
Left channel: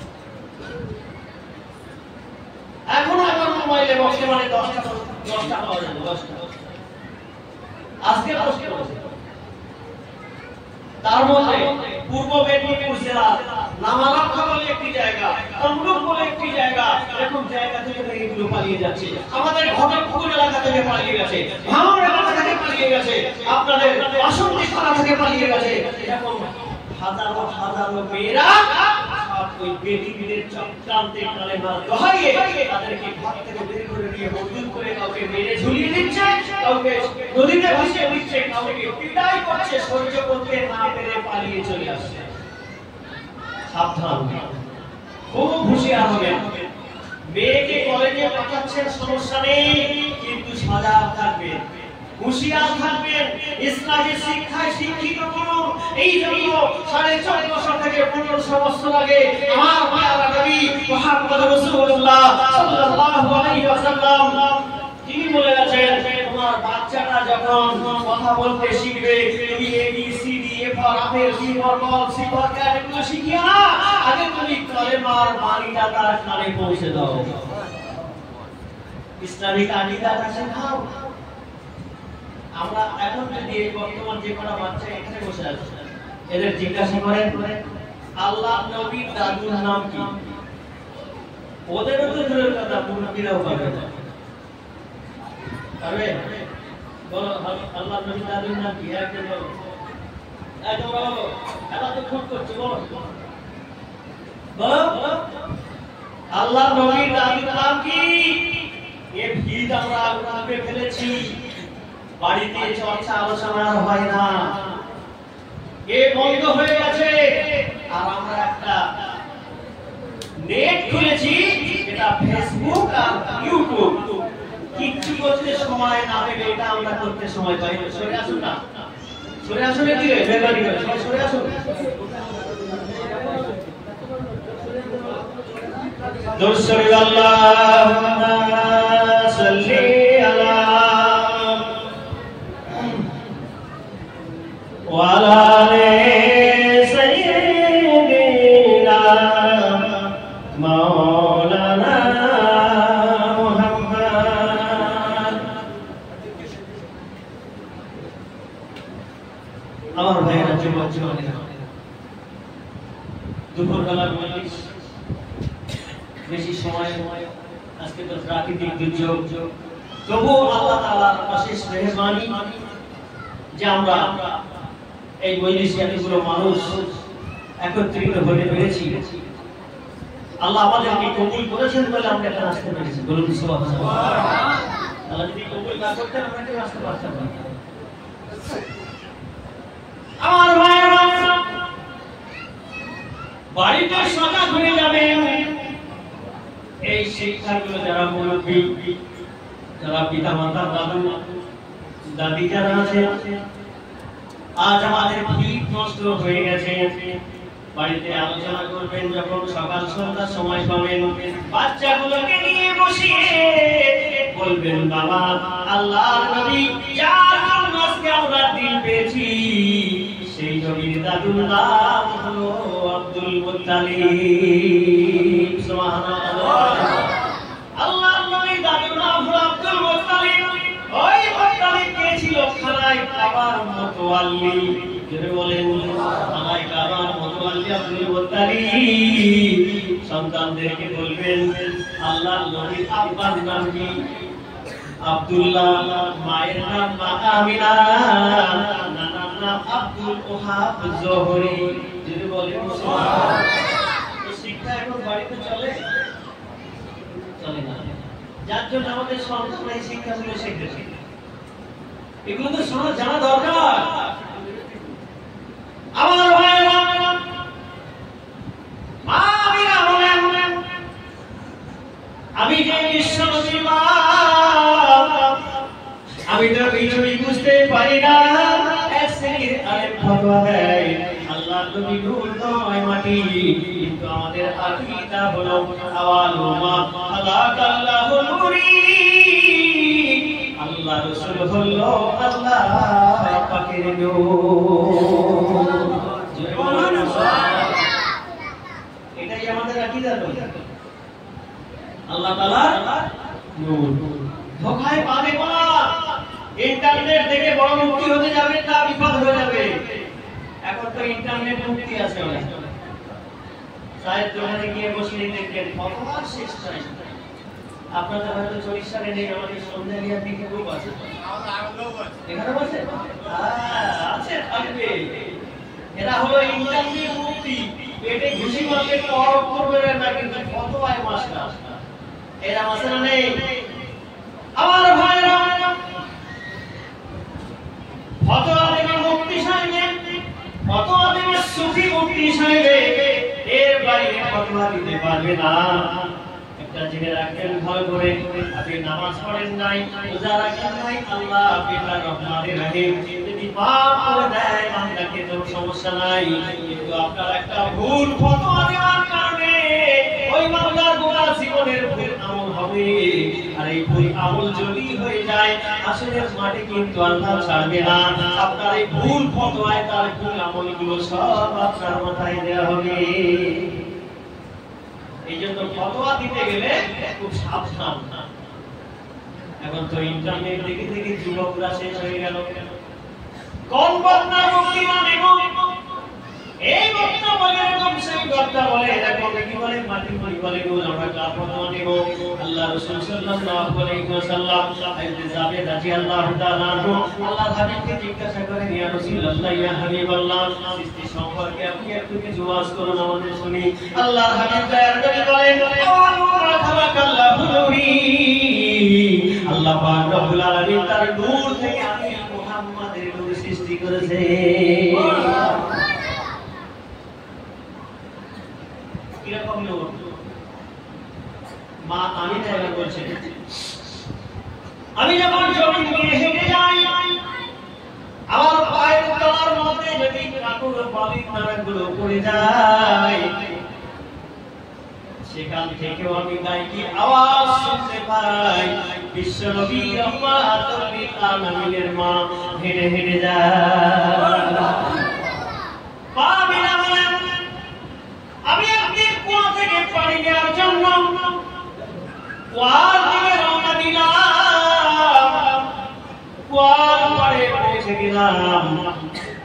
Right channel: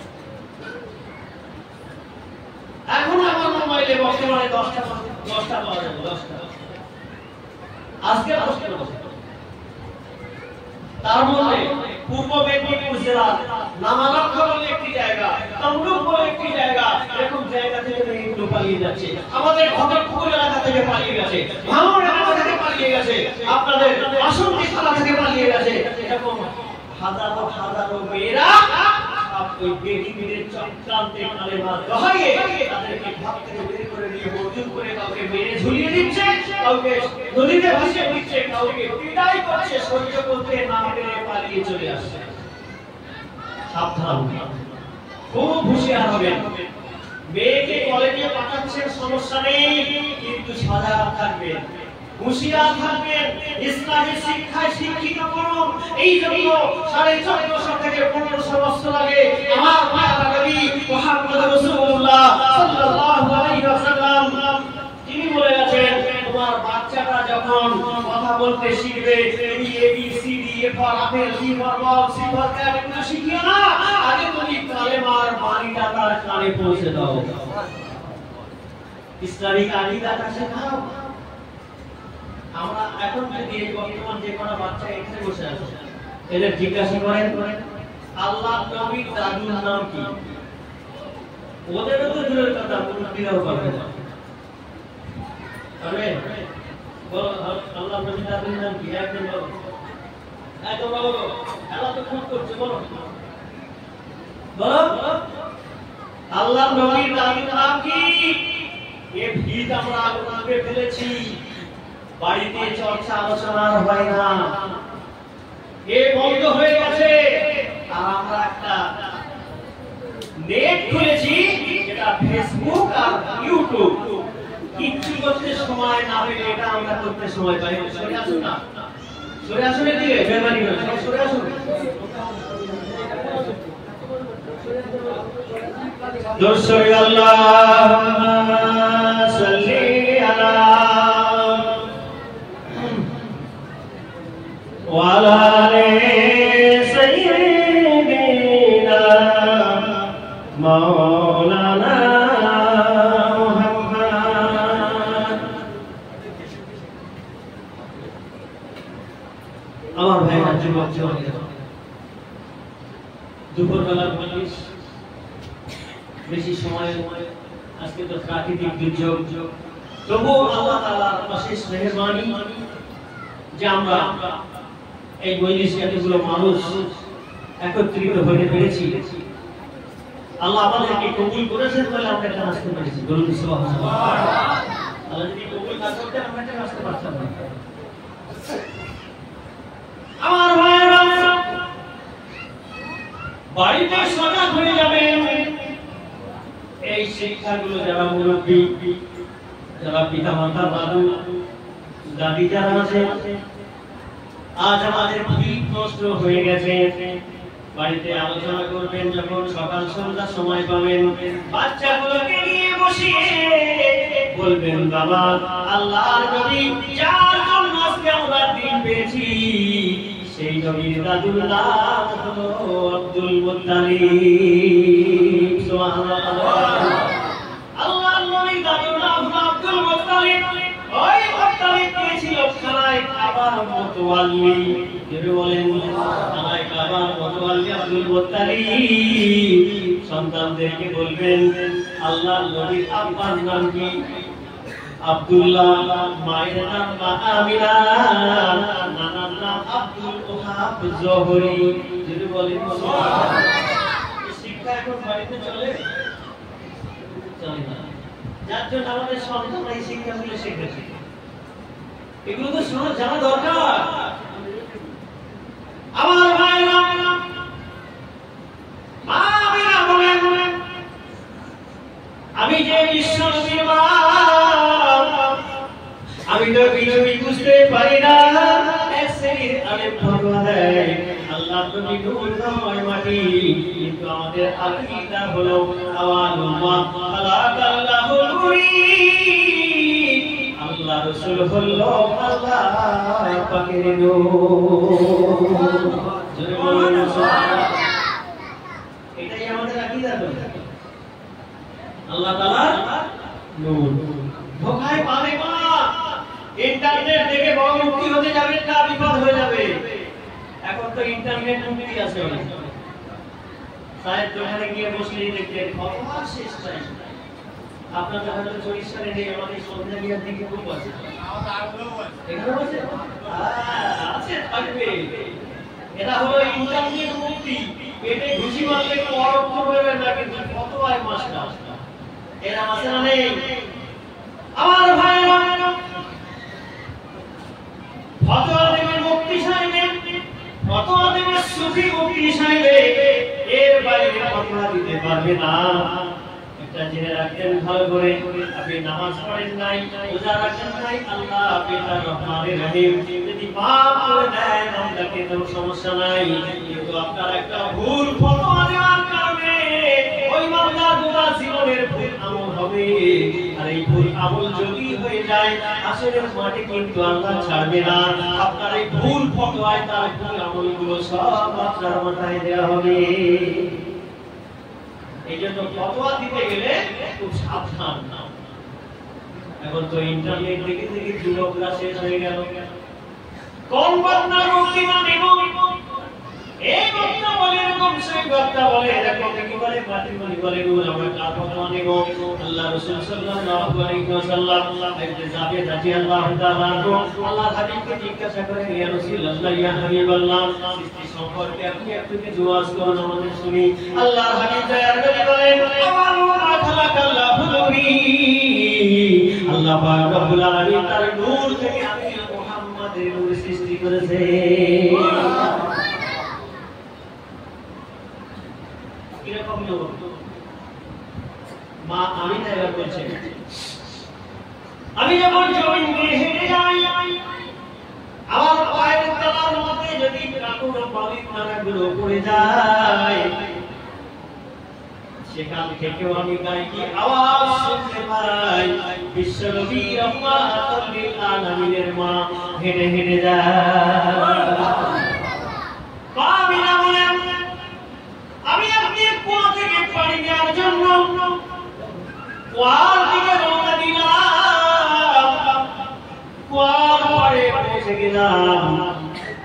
এখন আমার মোবাইলে বর্তমানে 10টা পাওয়া যাবে, 10টা আজকে পোস্ট করেছে। তার মধ্যে পূর্ব মেদিনীপুর জেলার নামালক্ষ্য বলে একটি জায়গা, তমলুক বলে একটি জায়গা, এরকম জায়গা থেকে এগুলো পালিয়ে যাচ্ছে। আমাদের ঘটকপুর এলাকা থেকে পালিয়ে গেছে, ভাঙড় এলাকা থেকে পালিয়ে গেছে, আপনাদের বাসন্তী থানা থেকে পালিয়ে গেছে। এরকম হাজারো হাজারো মেয়েরা ওই বেটিদের চক্রান্তে কালেমার দোহাইয়ে তাদেরকে ঘর থেকে বের করে নিয়ে বর্জন করে কাউকে মেরে ঝুলিয়ে দিচ্ছে, কাউকে নদীতে ভাসিয়ে দিচ্ছে, কাউকে পিটাই করছে, সহ্য করতে না পেরে পালিয়ে চলে আসছে। সাবধান, খুব হুঁশিয়ার হবেন। মেয়েকে কলেজে পাঠাচ্ছেন, সমস্যা নেই, কিন্তু সজাগ থাকবেন, হুঁশিয়ার থাকবেন, ইসলামের শিক্ষায় শিক্ষিত করুন। এই জন্য 1450 থেকে 1500 বছর আগে আমার প্রিয় নবী মুহাম্মদ রাসূলুল্লাহ সাল্লাল্লাহু আলাইহি ওয়াসাল্লাম তিনি বলে গেছেন, তোমার বাচ্চাটা যখন কথা বলতে শিখবে, এই ABCD for apple, C for ball, C for cat এগুলো শিখিও না, আগে তুমি কালেমার বাণীটা তার কানে পৌঁছে দাও, ইসলামিক আকীদাটা শেখাও। আমরা এখন যদি বর্তমান যে কোনো বাচ্চা এখানে বসে আছে, এদের জিজ্ঞাসা করেন আল্লাহ নবীর দাদুর নাম কি, ওদের তো দূরের কথা, মুরব্বিরাও পাবে না। আরে বলো আল্লাহ নবীর দাদুর নাম কি, একদম বলো, একদম বলো, আল্লাহ তো ফোন করছে, বলো বলো আল্লাহ নবীর দাদুর নাম কি? এ ভিত আমরা আগুনে ফেলেছি, বাড়িতে চর্চা আলোচনা হয় না, এ বন্ধ হয়ে গেছে। আর আমরা একটা নেট খুলেছি, এটা ফেসবুক আর ইউটিউব, কিচ্ছু করতে সময় না পেলে এটা আমরা করতে সময় পাই না। সরে আসুন না, সরে আসুন, এদিকে মেহরবানি করে সবাই সরে আসুন। দর্শক আল্লাহুম্মা সাল্লি আলা ওয়ালা আলি সাইয়্যিদিনা মাওলানা মুহাম্মদ। আমার ভাইরা যুবক যুবতীরা, দুপুরবেলার মজলিস, বেশি সময় আজকে তো প্রাকৃতিক দুর্যোগ, তবু আল্লাহ তাআলার অশেষ মেহেরবানি যে আমরা এই মজলিসে এতগুলো মানুষ একত্রিত হতে পেরেছি। আল্লাহ আমাদেরকে কবুল করেছেন বলে আমরা এখানে আসতে পেরেছি। বলুন সুবহানাল্লাহ। আল্লাহ যদি কবুল না করতেন আমরা এখানে আসতে পারতাম না। আমার ভাইয়েরা, বাড়িতে সজাগ হয়ে যাবেন। এই শিক্ষাগুলো যারা মুরব্বী, যারা পিতা মাতা, দাদু দাদি যারা আছে, আজ আমাদের ভিত নষ্ট হয়ে গেছে। বাড়িতে আলোচনা করবেন যখন সকাল সন্ধ্যা সময় পাবেন, বাচ্চাগুলোকে নিয়ে বসিয়ে বলবেন, বাবা আল্লাহর নবী যার জন্য আজকে আমরা দিন পেয়েছি, সেই নবীর দাদুর নাম হলো আব্দুল মুত্তালিব। সুবহানাল্লাহ। আল্লাহর নবীর দাদুর নাম হলো আব্দুল মুত্তালিব। ওই মুত্তালিব কে ছিল খানায় কাবার মুতাওয়াল্লি। কে বলেন? খানায় কাবার মুতাওয়াল্লি আব্দুল মুত্তালিব। সন্তানদেরকে বলবেন, আল্লাহর নবীর আব্বার নাম কি? আব্দুল্লাহ, মায়ের নাম আমিনা, নানার নাম আব্দুল ওহাব জোহরি। যদি বলেন সুবহানাল্লাহ। এই শিক্ষা এখন বাড়িতে চলে না, যার জন্য আমাদের সন্তানরা এই শিক্ষাগুলো শিখেছে। এগুলো তো শোনা জানা দরকার। আমার ভাইরা, মা আমিনা বলেন, আমি যে বিশ্ব নবীর মা, আমি তো কিছুই বুঝতে পারি না। এক শ্রেণীর আলেম ফতোয়া দেয় আল্লাহ নবী নূর নয় মাটি, কিন্তু আমাদের আকীদা হলো আওয়ালু মা খালাকাল্লাহু নূরি। আল্লাহ রাসূল হলো আল্লাহ পাকের নূর। এটাই আমাদের আকীদা হলো আল্লাহ তাআলার নূর। ধোঁকায় পাবে না। ইন্টারনেট দেখে বড় মুক্তি হতে যাবে না, বিপদ হয়ে যাবে। এখন তো ইন্টারনেট মুক্তি আছে না। সাহেব দোকানে গিয়ে বসলেই দেখবেন ফতোয়ার শেষ টাইম। আপনাদের হয়তো চরিশালে নেই, আমাদের সন্ধ্যালিয়ার দিকে গ্রুপ আছে। এখানে আছে? আছে, থাকবে। এটা হলো ইন্টারনেট মুক্তি। পেটে ঘুষি মারলে পর করবে না, কিন্তু ফতোয়ায় মাস্টার। এরা আছে না নেই? আমার ভাইরা, ফতোয়া দেবে মুক্তি চাইবে, ফতোয়া দেবে সুফি মুক্তি চাইবে, এর বাইরে ফতোয়া দিতে পারবে না। একটা জেনে রাখেন ভালো করে, আপনি নামাজ পড়েন নাই, রোজা রাখেন নাই, আল্লাহ পিতা রহমানের রহিম যদি মাফ করে দেয় বান্দাকে, তো সমস্যা নাই। কিন্তু আপনার একটা ভুল ফতোয়া দেওয়ার কারণে ওই বান্দা গোটা জীবনের ভুল আমল হবে। আর এই ভুল আমল যদি হয়ে যায় আসরের মাঠে কিন্তু আল্লাহ ছাড়বে না। আপনার এই ভুল ফতোয়ায় তার ভুল আমলগুলো সব আপনার মাথায় দেওয়া হবে। এই জন্য ফতোয়া দিতে গেলে খুব সাবধান। এখন তো ইন্টারনেট দেখে দেখে যুবকরা শেষ হয়ে গেল। কোন বক্তা মুক্তি মানিব, এই বক্তা বলে এরকম, সেই বক্তা বলে এরকম, কি বলে মাটি মাটি বলে রোজ আমরা কার ফতোয়া নিব। আল্লাহ রাসূল সাল্লাল্লাহু আলাইহি ওয়াসাল্লাম হাদিসে যাবে রাদিয়াল্লাহু তাআলা আল্লাহর হাবিবকে জিজ্ঞাসা করেন, ইয়া রাসূলুল্লাহ, ইয়া হাবিবাল্লাহ, সৃষ্টি সম্পর্কে আপনি একটু কিছু ওয়াজ করুন, আমাদের শুনি। আল্লাহর হাবিব দয়ার করে বলেন, আল্লাহ খালাকাল্লাহু নূরি, আল্লাহ পাক রব্বুল আলামিন তার নূর থেকে আমি মুহাম্মাদের নূর সৃষ্টি করেছে। কিরকম নূর? মা আমিনা এবার বলছেন, আমি যখন জমিন দিয়ে হেঁটে যাই, আমার পায়ের তলার মধ্যে যদি কাকুর বালির মারাগুলো পড়ে যায়, সেখান থেকেও আমি গাইকি আওয়াজ শুনতে পাই। বিশ্বনবী রাহমাতুল লিল আলামিনের মা হেঁটে হেঁটে যায়। আমি আপনি কুয়া থেকে পানি নেওয়ার জন্য কুয়ার দিকে রওনা দিলাম। কুয়ার পরে পৌঁছে গেলাম।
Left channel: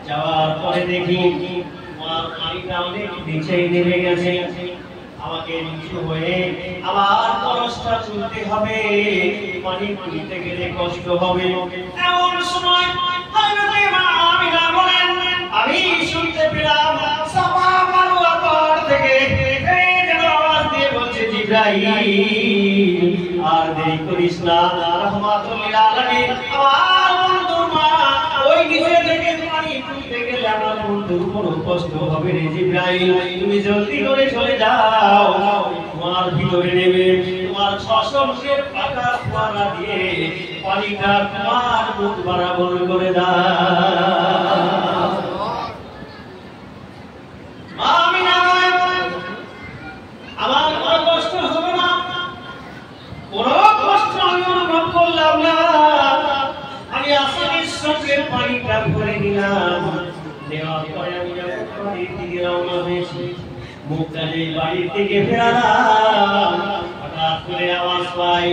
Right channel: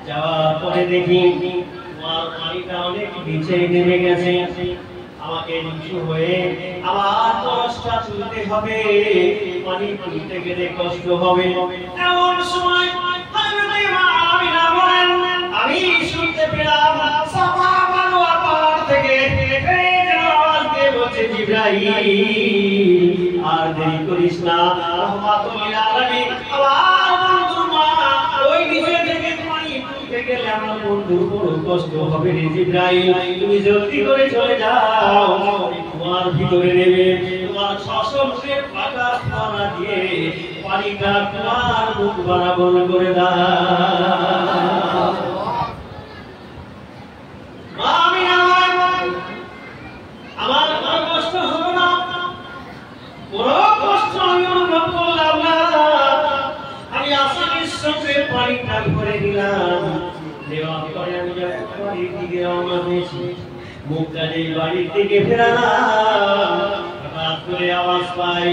যাওয়ার পরে দেখি কুয়ার পানিটা অনেক নিচে নেমে গেছে, আমাকে নিচু হয়ে আবার কলসটা তুলতে হবে, পানি তুলতে গেলে কষ্ট হবে। এমন সময় হযরত আমিনা বলেন, আমি শুনতে পেলাম সাফা মারওয়া পাহাড় থেকে আওয়াজ দিয়ে বলছে, জিবরাইল আর দেরি করিস না, রাহমাতুল লিল আলামিন আমার বন্ধুর মা ওই নিচে থেকে পানি তুলতে গেলে আমার বন্ধুর বড় কষ্ট হবে রে জিবরাইল, তুমি জলদি করে চলে যাও, তোমার ভিতরে নেমে তোমার 600 মুখের পাকা ফোয়ারা দিয়ে পানিটা তোমার মুখ বরাবর করে দাও। মা আমিনা আমার কোনো কষ্ট হবে না, কোনো কষ্ট আমি অনুভব করলাম না, আমি আসামির সঙ্গে পানিটা ভরে নিলাম। নেওয়ার পরে আমি যখন বাড়ির দিকে রওনা হয়েছি, মুখটা যে বাড়ির দিকে ফেরালাম, হঠাৎ করে আওয়াজ পাই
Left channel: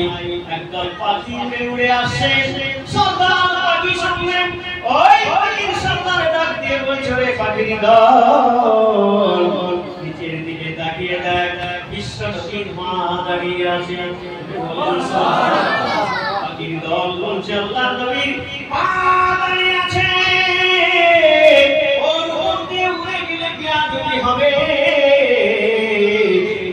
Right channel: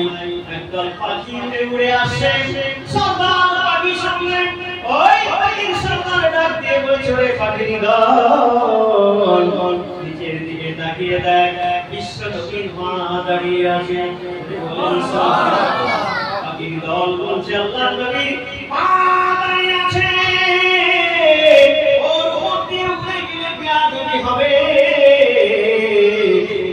একদল পাখি উড়ে উড়ে আসছে। সর্দার পাখি সঙ্গে ওই পাখির সর্দার ডাক দিয়ে বলছে, রে পাখির দল নিচের দিকে তাকিয়ে দেখ, বিশ্বনবীর মা দাঁড়িয়ে আছে। পাখির দল বলছে, আল্লাহর নবীর মা দাঁড়িয়ে আছে, ওর মধ্যে উঠে গেলে বিয়াদবি হবে,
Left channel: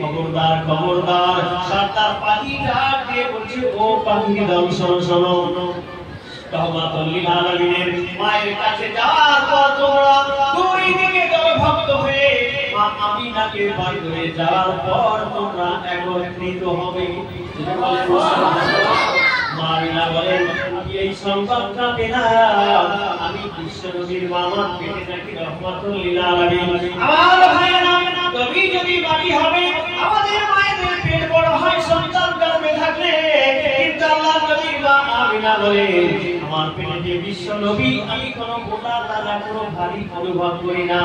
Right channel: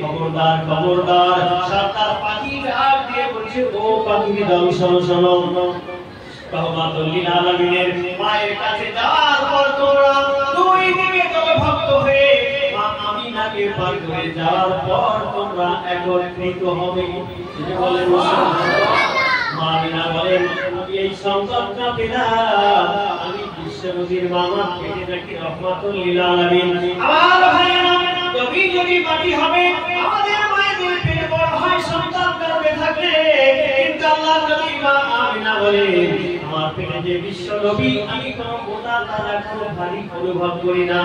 খবরদার খবরদার। সর্দার পাখি ডাক দিয়ে বলছে, ও পাখির দল শোনো শোনো, রাহমাতুল লিল আলামিনের মায়ের কাছে যাওয়ার পর তোমরা দুই দিকে দলভক্ত হয়ে মা আমিনাকে পার হয়ে যাওয়ার পর তোমরা একত্রিত হবে। মা আমিনা বলেন, আমি এই সংকল্পটা পেলাম, আমি বিশ্বনবীর মামার পেটে নাকি রাহমাতুল লিল আলামিন। আমার ভাইরা, কবি যদি বাকি হবে, আমাদের মায়েদের পেট বড় হয় সন্তান গর্ভে থাকলে, কিন্তু আল্লাহর নবী মা আমিনা বলে, আমার পেটে যে বিশ্বনবী, আমি কোনো গোটা তাজা কোনো ভারী অনুভব করি না।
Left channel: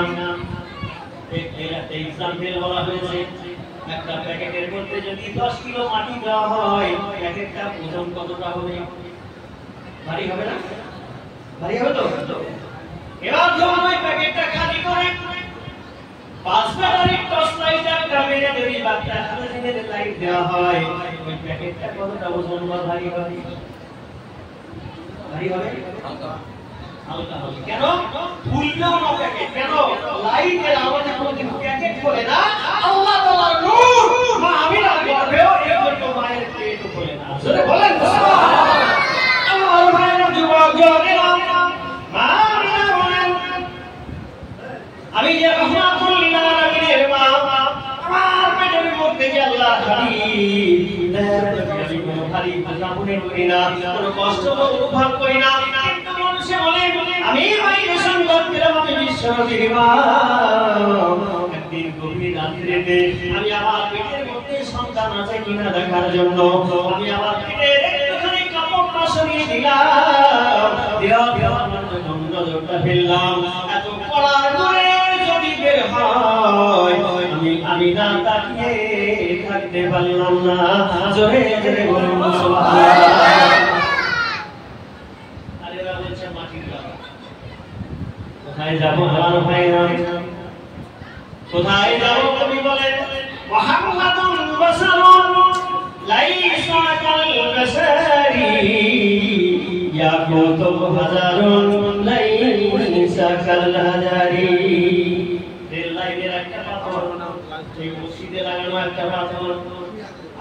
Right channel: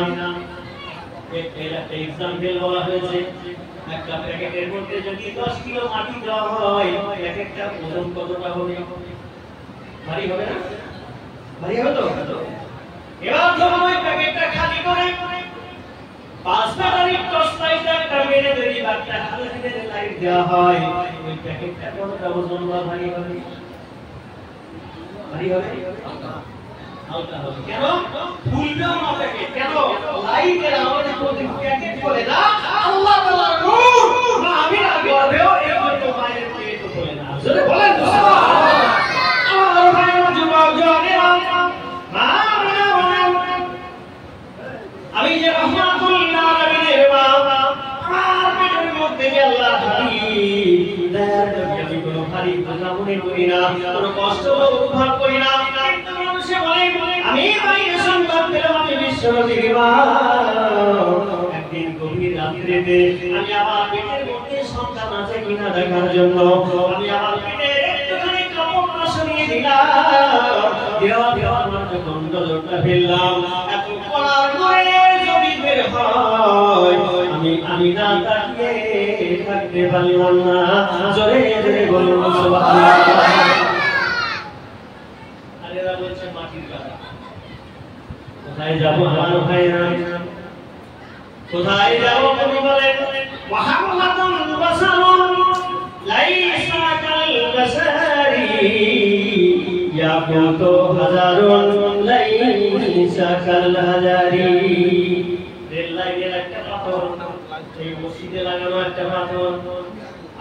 এক্সাম্পল বলা হয়েছে, একটা প্যাকেটের মধ্যে যদি 10 কিলো মাটি দেওয়া হয়, এক একটা ওজন কতটা হবে? ভারী হবে না? ভারী হবে তো? এবার যখন ওই প্যাকেটটা খালি করে 5 ব্যাটারি টর্চ লাইট একটা মেরে যদি বাচ্চা হাতে থেকে লাইট দেওয়া হয়, ওই প্যাকেটটা কতটা ওজন বা ভারী হবে? ভারী হবে? হালকা হবে। কেন? ফুলবেও না প্যাকেট। কেন? লাইটের আলোতে কোন প্যাকেট করে না, আল্লাহ তাআলার নূর মা আমিনা গর্ভেও এই মতো মায়ের পেট করে না। জোরে বলেন সুবহানাল্লাহ। আমার ভাইয়ের যুবক জনেরা, মা আমিনা বলেন, আমি যে রাহমাতুল লিল আলামিনের মা, আমার পেটের মধ্যে যে আল্লাহর হাবিব, আমি কোনো ভারী বোঝা মনে করি না, কোনো কষ্ট অনুভব করি না। কিন্তু মানুষে বলে, আমি মায়ের সন্তান পেলাম, আমি বিশ্বনবীর মা। একদিন গভীর রাত্রিতে আমি আমার পেটের মধ্যে সন্তান আছে কিনা দেখার জন্য আমি আমার পেটে একটুখানি কাপড়টা সরিয়ে দিলাম, নজরটা ফেললাম, এত কলার করে যদি বের হয়, আমি না তাকিয়ে থাকতে পারলাম না। জোরে জোরে বলুন সুবহানাল্লাহ। আরে বলছে মাটির কথা, কোথায় যাব আমার ভাইরা, কোথায় যাব? কবি বলেন, মুহাম্মাদুন রাসূলুন লাইসা কাল বাসারি, ইয়াকুতু হাজারুন লাইসা কাল হাজারি। রেল লাইনের একটা পাথর, এই মসজিদে লাগানো একটা পাথর,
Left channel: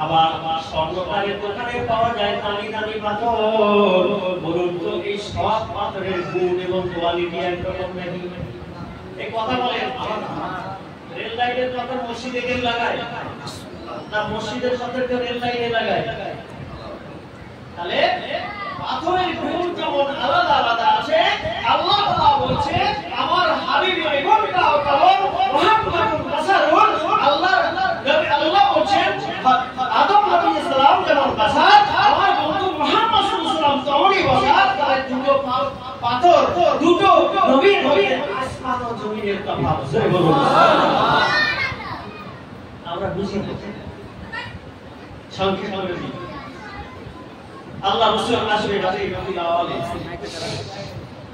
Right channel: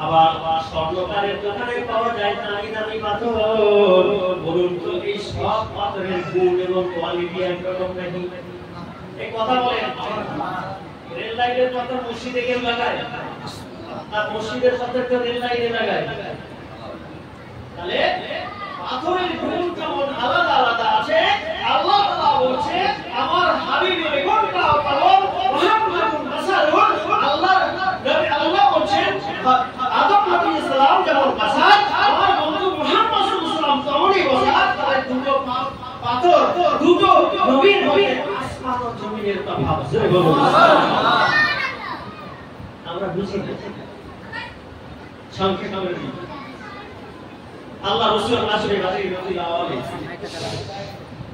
আবার স্বর্ণকারের দোকানে পাওয়া যায় দামি দামি পাথর। বলুন তো এই সব পাথরের গুণ এবং কোয়ালিটি একরকম নাকি? এই কথা বলেন, রেল লাইনের পাথর মসজিদে কেন লাগায় না, মসজিদের পাথর কেন রেল লাইনে লাগায়? তাহলে পাথরের গুণ যেমন আলাদা আলাদা আছে, আল্লাহ তাআলা বলছে আমার হাবিবের গুণটাও তেমন। মুহাম্মাদুর বাশারুন, আল্লাহ বলছেন আদম আলাইহিস সালাম যেমন বাশার, আমার বন্ধু মুহাম্মদ সাল্লাল্লাহু আলাইহি ওয়াসাল্লাম তেমনই বাশার। তাহলে দুটো পাথর, দুটো নবীর মধ্যে আসমান ও জমিনের তফাৎ। জোরে বলুন সুবহানাল্লাহ। আমরা বুঝি না, সংক্ষেপে বলি, আল্লাহ রাসূল আসরে বাড়ি রাদিয়াল্লাহু আলাইহি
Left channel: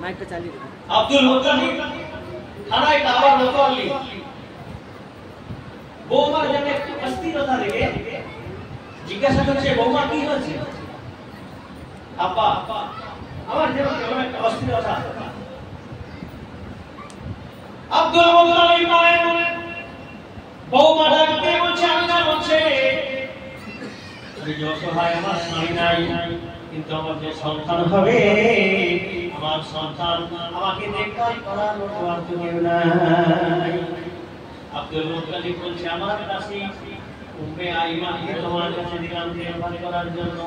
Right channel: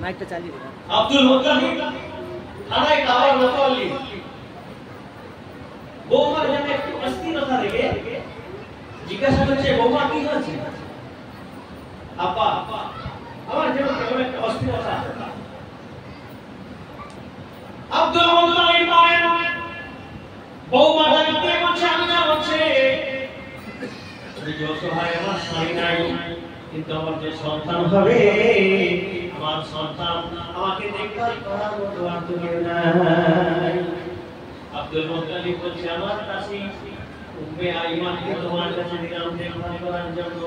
মাইকটা চালিয়ে দাও। আব্দুল মুত্তালিব খানায় কাবার মতোয়াল্লি বৌমার জন্য একটু অস্থিরতা রেখে জিজ্ঞাসা করছে, বৌমা কি হচ্ছে? আব্বা আমার জন্য কেমন একটা অস্থিরতা। আব্দুল মুত্তালিব মায়ের বৌমা ডাকতে বলছে, আল্লাহ বলছে, তুমি যে অসহায়, আমার স্বামী নাই, কিন্তু আমার যে সন্তান হবে, আমার সন্তান আমাকে দেখভাল করার মতো আর কেউ নাই। আব্দুল মুত্তালিব বলছে, আমার কাছে উম্মে আইমানকে তোমার কাছে দিলাম দেখভাল করার জন্য,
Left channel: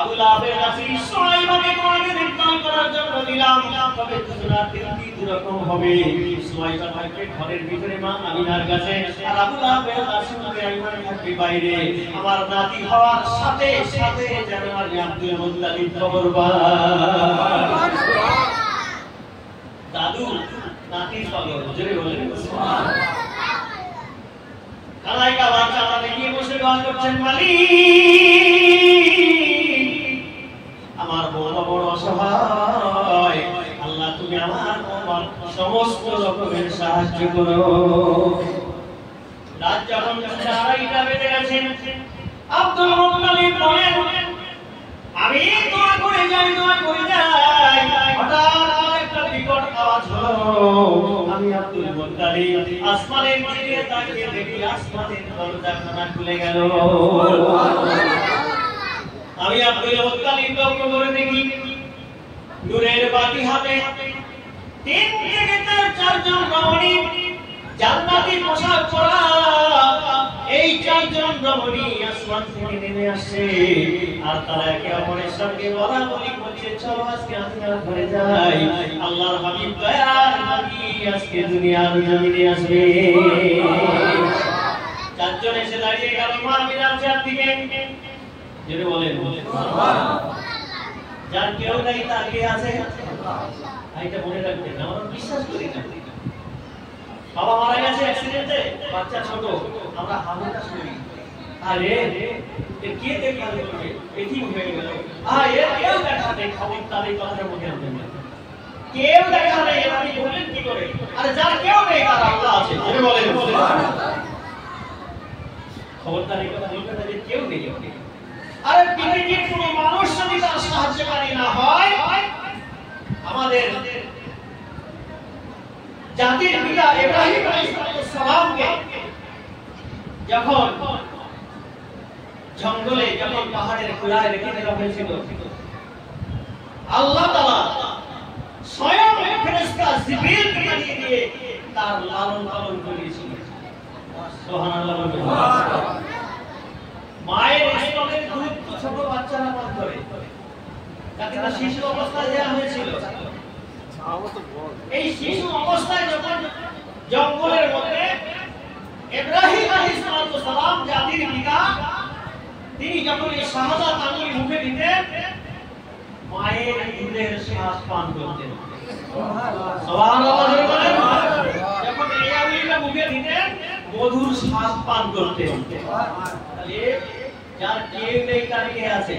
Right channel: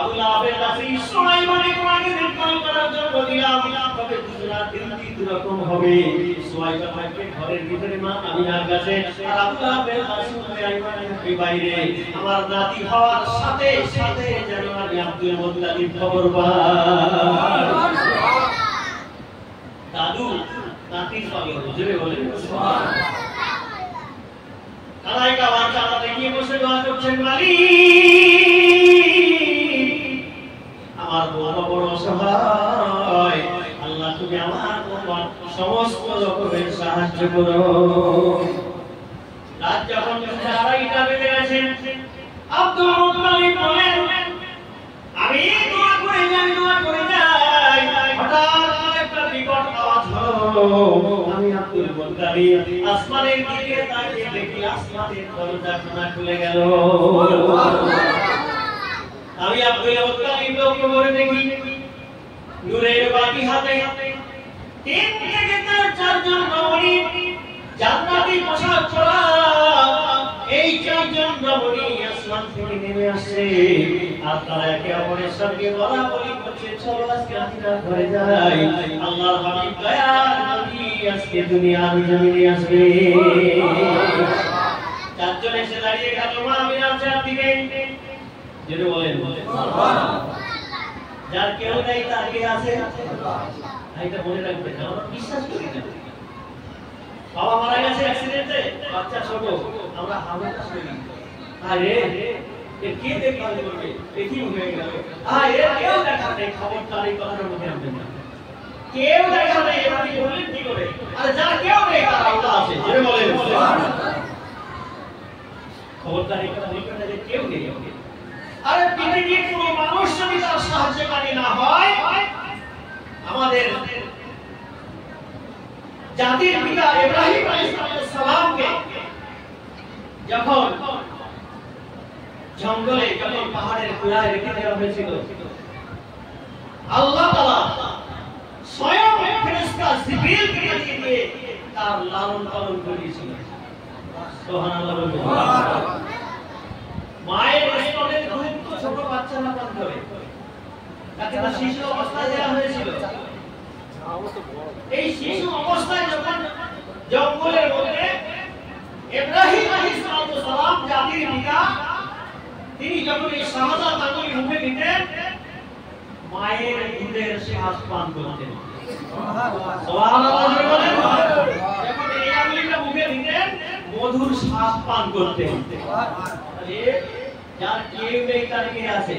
আবু লাহাবের কাছে সুলাইমানকে তোমাকে দেখভাল করার জন্য দিলাম। তবে দুজনা তিনটি রকম হবে। সুলাইমান থাকবে ঘরের ভিতরে মা আমিনার কাছে, আর আবু লাহাবের কাছে উম্মে আইমান থাকবে বাইরে। আমার নাতি হওয়ার সাথে সাথে যেন আমি আব্দুল মুত্তালিব খবর পাই। দাদু নাতির পাগল, জোরে বলেন সুবহানাল্লাহ। কালাই কা বাচ্চা তাকে নিয়ে বসে দোয়া করছেন, মালিক আমার বৌমা বড় অসহায়, আল্লাহ তুমি আমার বৌমার সমস্ত রকমের সাহায্য করো। রাত যখন 2:30টা বেজে গেছে, আব্দুল মুত্তালিব বলেন, আমি দোয়া করে যাই, হঠাৎ একটা বিকট আওয়াজ হলো। আমি আব্দুল মুত্তালিব আসমানের দিকে তাকিয়ে দেখি আসমানের দরজা খানা খুলে গেল। আমি আব্দুল মুত্তালিব লক্ষ্য করে দেখি নূরের বাতি হাতে 3 থেকে 4 জন রমণী, জান্নাতি পোশাক পরা। এই 4 জন রমণী আসমান থেকে নেমে আসছে, আর তারা একে অপরের সঙ্গে বলাবলি করছে, চলো আজকে আমিনার ঘরে যাই, আল্লাহর হাবিব দয়ার নবী আজকে দুনিয়ার জমিনে আসবে। 4 জন এসে দাঁড়িয়ে গেল মা আমিনার চারদিকে, জোরে বলেন যার কেউ নাই তার কে আছে? এটা মনে রাখবেন, আমরা বিশ্বাস করি না। বাবা মারা গেছে অ্যাক্সিডেন্টে, বাচ্চা ছোট, আমরা হামেশা শুনি, আরে কে দেখভাল করবে, কি হয়ে গেল, কেউ দেখা নেই, খবরদার এই কথাটা মুখে আনবেন না। কেউ দেখা নেই, আপনি বললেন কি করে? আর যার কেউ নেই তার আল্লাহ আছে, জোরে বলেন খবরদার এই কথা বলবেন না যে কেউ নেই। আরে পৃথিবীর কোনো মানুষ যদি তার সাহায্যকারী না হয়, আমাদের জাতির পিতা ইব্রাহিম আলাইহিস সালামকে যখন জঙ্গলে, যখন পাহাড়ের চূড়ায় রেখে দেওয়া হয়েছিল, আল্লাহ তাআলা স্বয়ং ফেরেশতা জিবরিলকে পাঠিয়ে দিয়ে তার লালন পালন করেছিলেন। সুবহানাল্লাহ বলুন। মায়ের স্তনের দুধ তো ছোট বাচ্চারা পান করে, তাকে তো শিশু অবস্থায় দেওয়া হয়েছিল। এই শিশু অবস্থায় যখন জঙ্গলের মধ্যে ইব্রাহিম আলাইহিস সালাম জাতির পিতা, তিনি যখন এই শাহাদাত আঙ্গুল মুখে নিতেন, মায়ের দুধের শ্বাস পান করতেন। সুবহানাল্লাহ বলেন। যখন এই আঙ্গুলটা মুখে নিতেন, মধুর শ্বাস পান করতেন। তাহলে যার কেউ নেই তার কে আছে?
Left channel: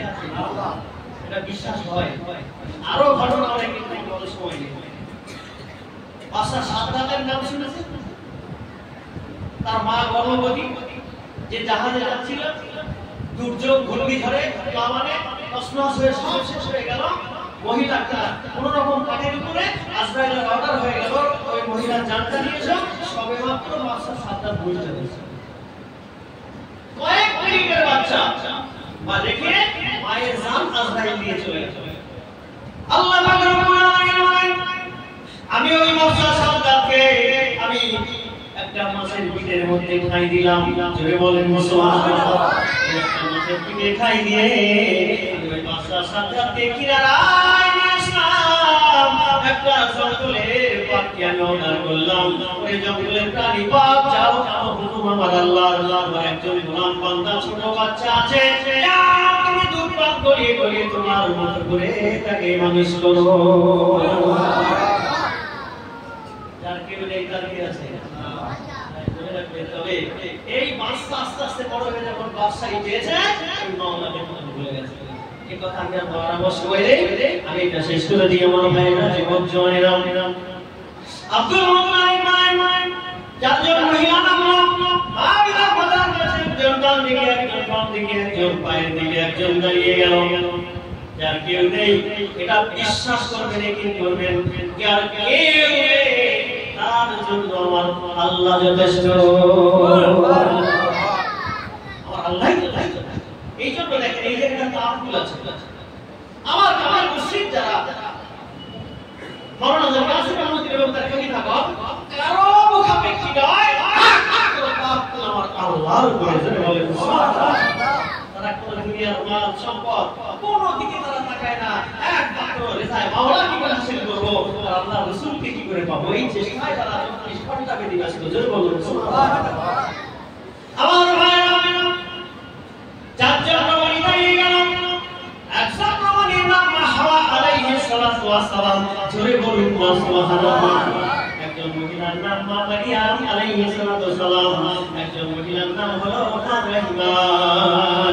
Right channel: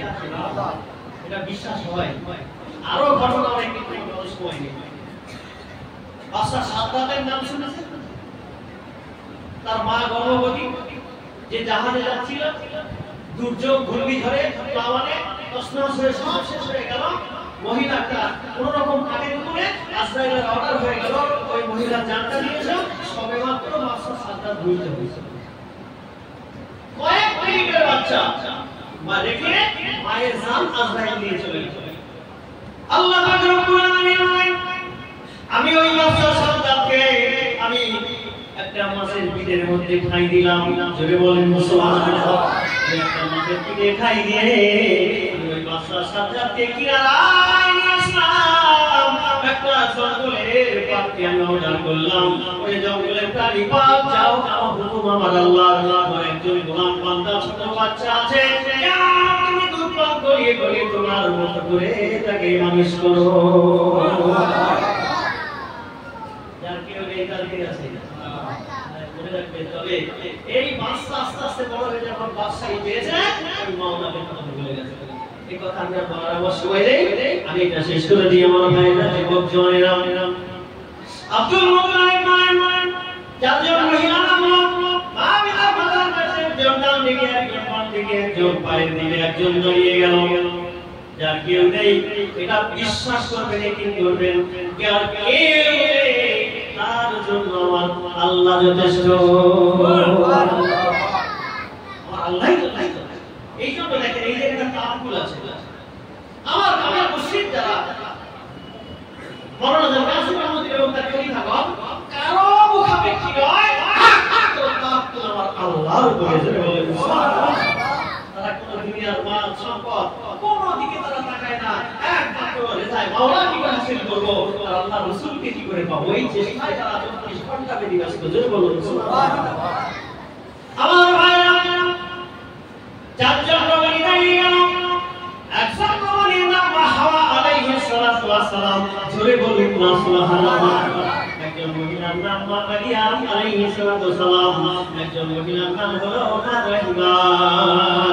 এটা বিশ্বাস হয়। আরো ঘটনা অনেক কিছু সময় নেই। বাদশা সাদ্দাতের নাম শুনেছেন? তার মা গর্ভবতী, যে জাহাজে যাচ্ছিল, দুর্যোগ ঘূর্ণিঝড়ে প্লাবনে তছনছ হয়ে সব শেষ হয়ে গেল। মহিলাটা কোন রকম কাঠের উপরে আজরাইলের অর্ডার হয়ে গেল, ওই মহিলার জানটা নিয়ে এসে সবে মাত্র বাদশা সাদ্দাত বুঝতে পেরেছে। কয়েক মিনিটের বাচ্চা মা রেখে মায়ের জান আজরাইল নিয়ে চলে গেল। আল্লাহ পাক রব্বুল আলামিন, আমি ওই বাদশা সাদ্দাতকে আমি একটা মাছের পিঠের মধ্যে খাই দিলাম, জোরে বলেন সুবহানাল্লাহ। একটা মাছের পিঠে খাই দিয়ে ওই বাদশা সাদ্দাতকে কিনারায় নিয়ে আসলাম। একটা জঙ্গলের পাখি আমি অর্ডার করলাম, ওই জঙ্গলের প্রাণী পাক যাও হুকুম আমার আল্লাহ। আমার একজন গোলাম বান্দা ছোট বাচ্চা আছে, তুমি দুধ পান করিয়ে করিয়ে তোমার মতো করে তাকে মানুষ করো। যার কেউ নেই তার কে আছে? তবে এই বাচ্চা আস্তে আস্তে বড় হয়ে যখন বাদশাহী পেয়েছে, ওই মাওলাকে কথা বলে গেছে। এই কথা আমি আর পরামর্শ কইলে আমি এটা শেষ করে দিই। আমার ভাইরা, যুবক জনেরা, আব্দুল মুত্তালিব চারজন মহিলা নাম পায়ের দিকে একজন দাঁড়িয়ে গেল, যার কেউ নেই, এটা বিশ্বাস করবেন কি করবেন, যার কেউ নেই তার জন্য আমার আল্লাহ যথেষ্ট। আমার আল্লাহই তো, এই জন্য দেখেন এই যে একটা তাওয়াক্কুল আছে। আমার মুসলিম যারা মাওলানা কাসিম আহমদ এবং তার খলিফাগণ কারো মুখাপেক্ষী নয়, তাওয়াক্কুল আমার আল্লাহর উপরে জোরে বলেন সুবহানাল্লাহ। তারা কোন দুনিয়ার মাল সম্পদ কোন দিকে তারা তাকায় না, একমাত্র রেজায়ে মাওলা কি করে হাসিল করব আর আল্লাহ রাসূলকে কি করে পাবো, এই চেষ্টায় তারা 24 ঘন্টা বেশি ব্যস্ত। জোরে বলুন সুবহানাল্লাহ। আমার ভাইরা, চারজন নবী দাঁড়িয়ে গেল, একজন নবীর নাম হাওয়া আলাইহিস সালাতু ওয়াস সালাম। জোরে বলুন সুবহানাল্লাহ। একজন মহিলার নাম মারিয়াম আলাইহিস সালাতু ওয়াস সালাম, একজন মহিলার নাম হলো মারহিমা।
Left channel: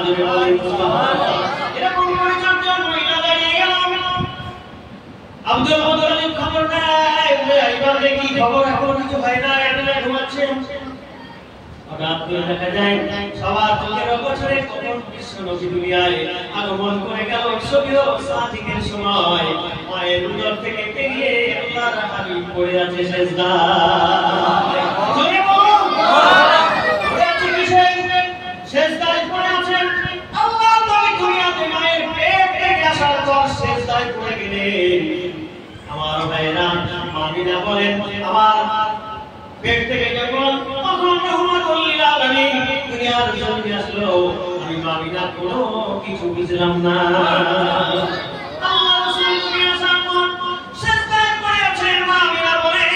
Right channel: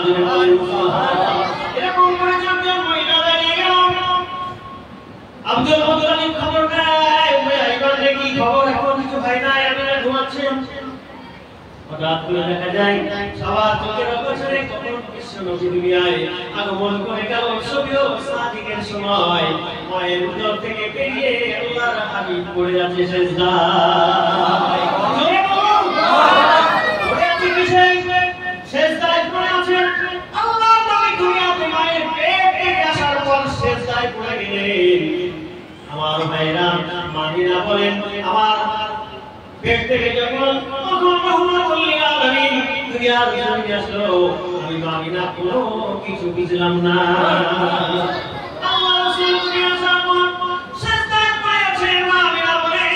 জোরে বলুন সুবহানাল্লাহ। এরকম করে চারজন মহিলা দাঁড়িয়ে গেল। আব্দুল মুত্তালিব খবর নেয়, এইবার কি খবর, এখন কিছু হয় না, এতটা ঘুমাচ্ছে। হঠাৎ করে দেখা যায় সবার চোখের অগোচরে কখন বিশ্ব নবী দুনিয়ায় আগমন করে গেল। সবিও সাদিকের সময় মায়ের উদর থেকে বেরিয়ে আল্লাহর হাবিব পড়ে আছে সিজদায়। জোরে বলুন পড়ে আছে কিসে? সিজদায় পড়ে আছে। আল্লাহর নবী দুনিয়াতে মায়ের পেট থেকে আসার পর সিজদায় পড়ে গেলেন। আমার ভাইরা, মামিনা বলেন আমার পেট থেকে যখন দুনিয়ার জমিনে আসলো, আমি মামিনা কোনো কিছু বুঝলাম না। আল্লাহ রাসূল সিজদায় পড়ে আছেন। মামিনা বলে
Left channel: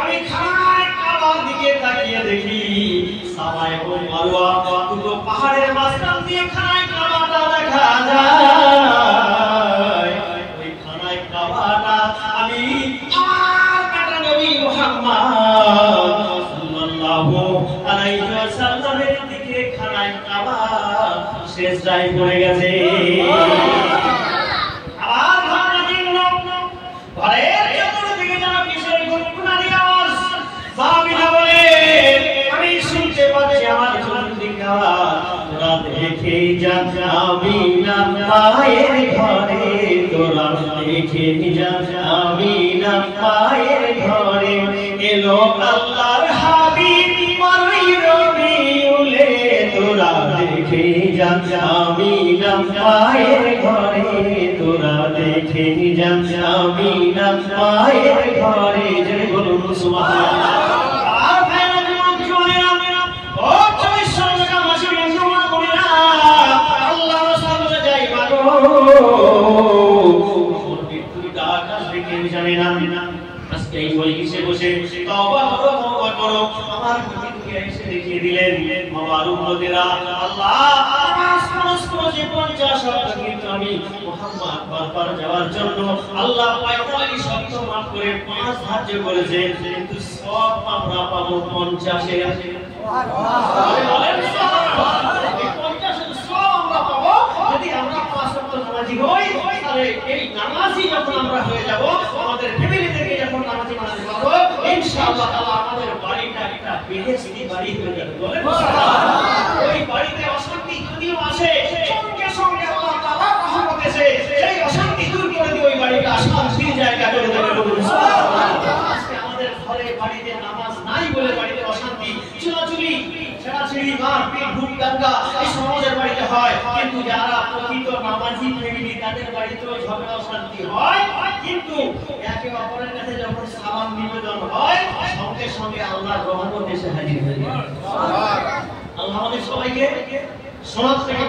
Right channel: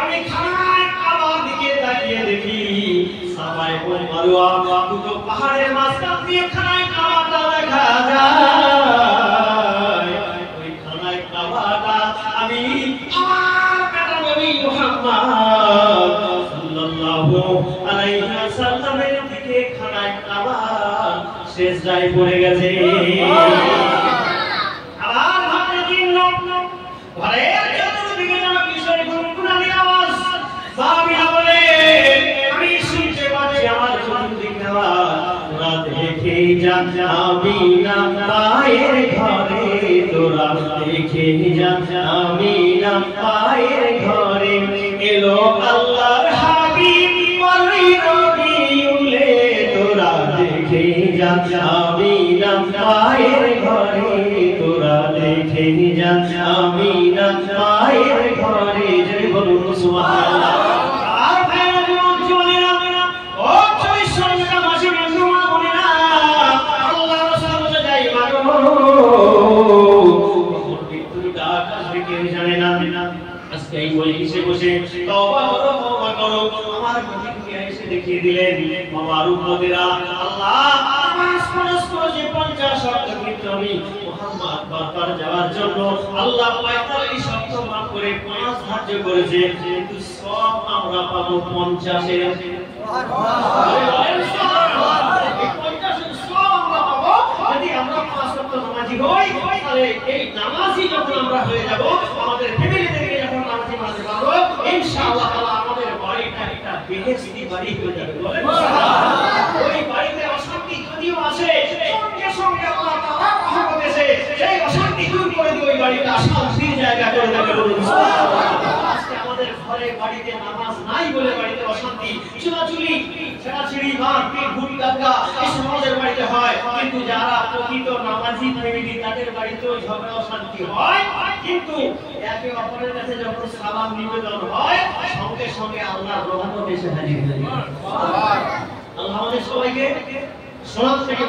আমি খানায় কাবার দিকে তাকিয়ে দেখি সাফা এবং মারওয়া দুটো পাহাড়ের মাঝখান দিয়ে খানায় কাবাটা দেখা যায়। ওই খানায় কাবাটা আমি আমার বেটা নবী মুহাম্মদ সাল্লাল্লাহু আলাইহি ওয়াসাল্লামের দিকে খানায় কাবা সিজদায় পড়ে গেছে। আবার ঘরে তিন লোক, ঘরের চতুর্দিকে যারা কিসের গুনগুনানি আওয়াজ। মামিনা বলে আমি শুনতে পাচ্ছি আমার চতুর্দিকে আওয়াজ। তোরা দেখে যা আমিনা মায়ের ঘরে, তোরা দেখে যা আমিনা মায়ের ঘরে এলো আল্লাহর হাবিব রবিউলে। তোরা দেখে যা আমিনা মায়ের ঘরে, তোরা দেখে যা আমিনা মায়ের ঘরে। জোরে বলুন সুবহানাল্লাহ। আর ভাইরা যুবক যুবতীরা, ও 24 টাকা মাসে বন্ধুরা বলিনা আল্লাহ রাসূল যাই মারো, মৃত্যুর ডাক আসবে কেউ জানে না। আজকে এই মজলিসে বসে তওবা করো, তওবা করো। আমার নবীকে এসে দেখিয়ে দিলেন আমার উম্মতেরা আল্লাহ নামাজ পড়ে যে 50 ওয়াক্ত কিন্তু আমি মুহাম্মদ বারবার যাওয়ার জন্য আল্লাহ 45 ওয়াক্ত মাফ করে 5 ধার্য করেছে, কিন্তু সব আমরা পাবো 50 এ। সুবহানাল্লাহ। 50 এর সব আমরা পাবো যদি আমরা 5 ওয়াক্ত নামাজি হই। তাহলে এই নামাজি যখন আমরা হয়ে যাব, আমাদের ফ্যামিলি থেকে যখন নামাজি মানতে পারবো, ইনশাআল্লাহ আমাদের বাড়িটা একটা বেহেশতি বাড়ি হয়ে যাবে। বলেন সুবহানাল্লাহ। ওই বাড়িতে অশান্তি যদিও আছে, সঙ্গে সঙ্গে আল্লাহ তাআলা রহমত এসে সেই অশান্তি দূর করে দিয়ে ওই বাড়িটা শান্তির জায়গা করে দেবে। বলুন সুবহানাল্লাহ। আজকে আমাদের ঘরে বাড়িতে নামাজ নাই বলে বাড়িতে অশান্তি, চুলাচুলি, ছেড়াছেড়ি, মারপিট, ভুল কাকা এই সমাজের বাড়িতে হয়। কিন্তু যারা প্রকৃত নামাজি ফ্যামিলি তাদের বাড়িতেও ঝগড়া অশান্তি হয়, কিন্তু একে অপরের কাছে যখন সালাম নিবেদন হয়, সঙ্গে সঙ্গে আল্লাহর রহমত এসে হাজির হয়ে যায়। সুবহানাল্লাহ। আল্লাহ আমাদের সবাইকে সমাজ থেকে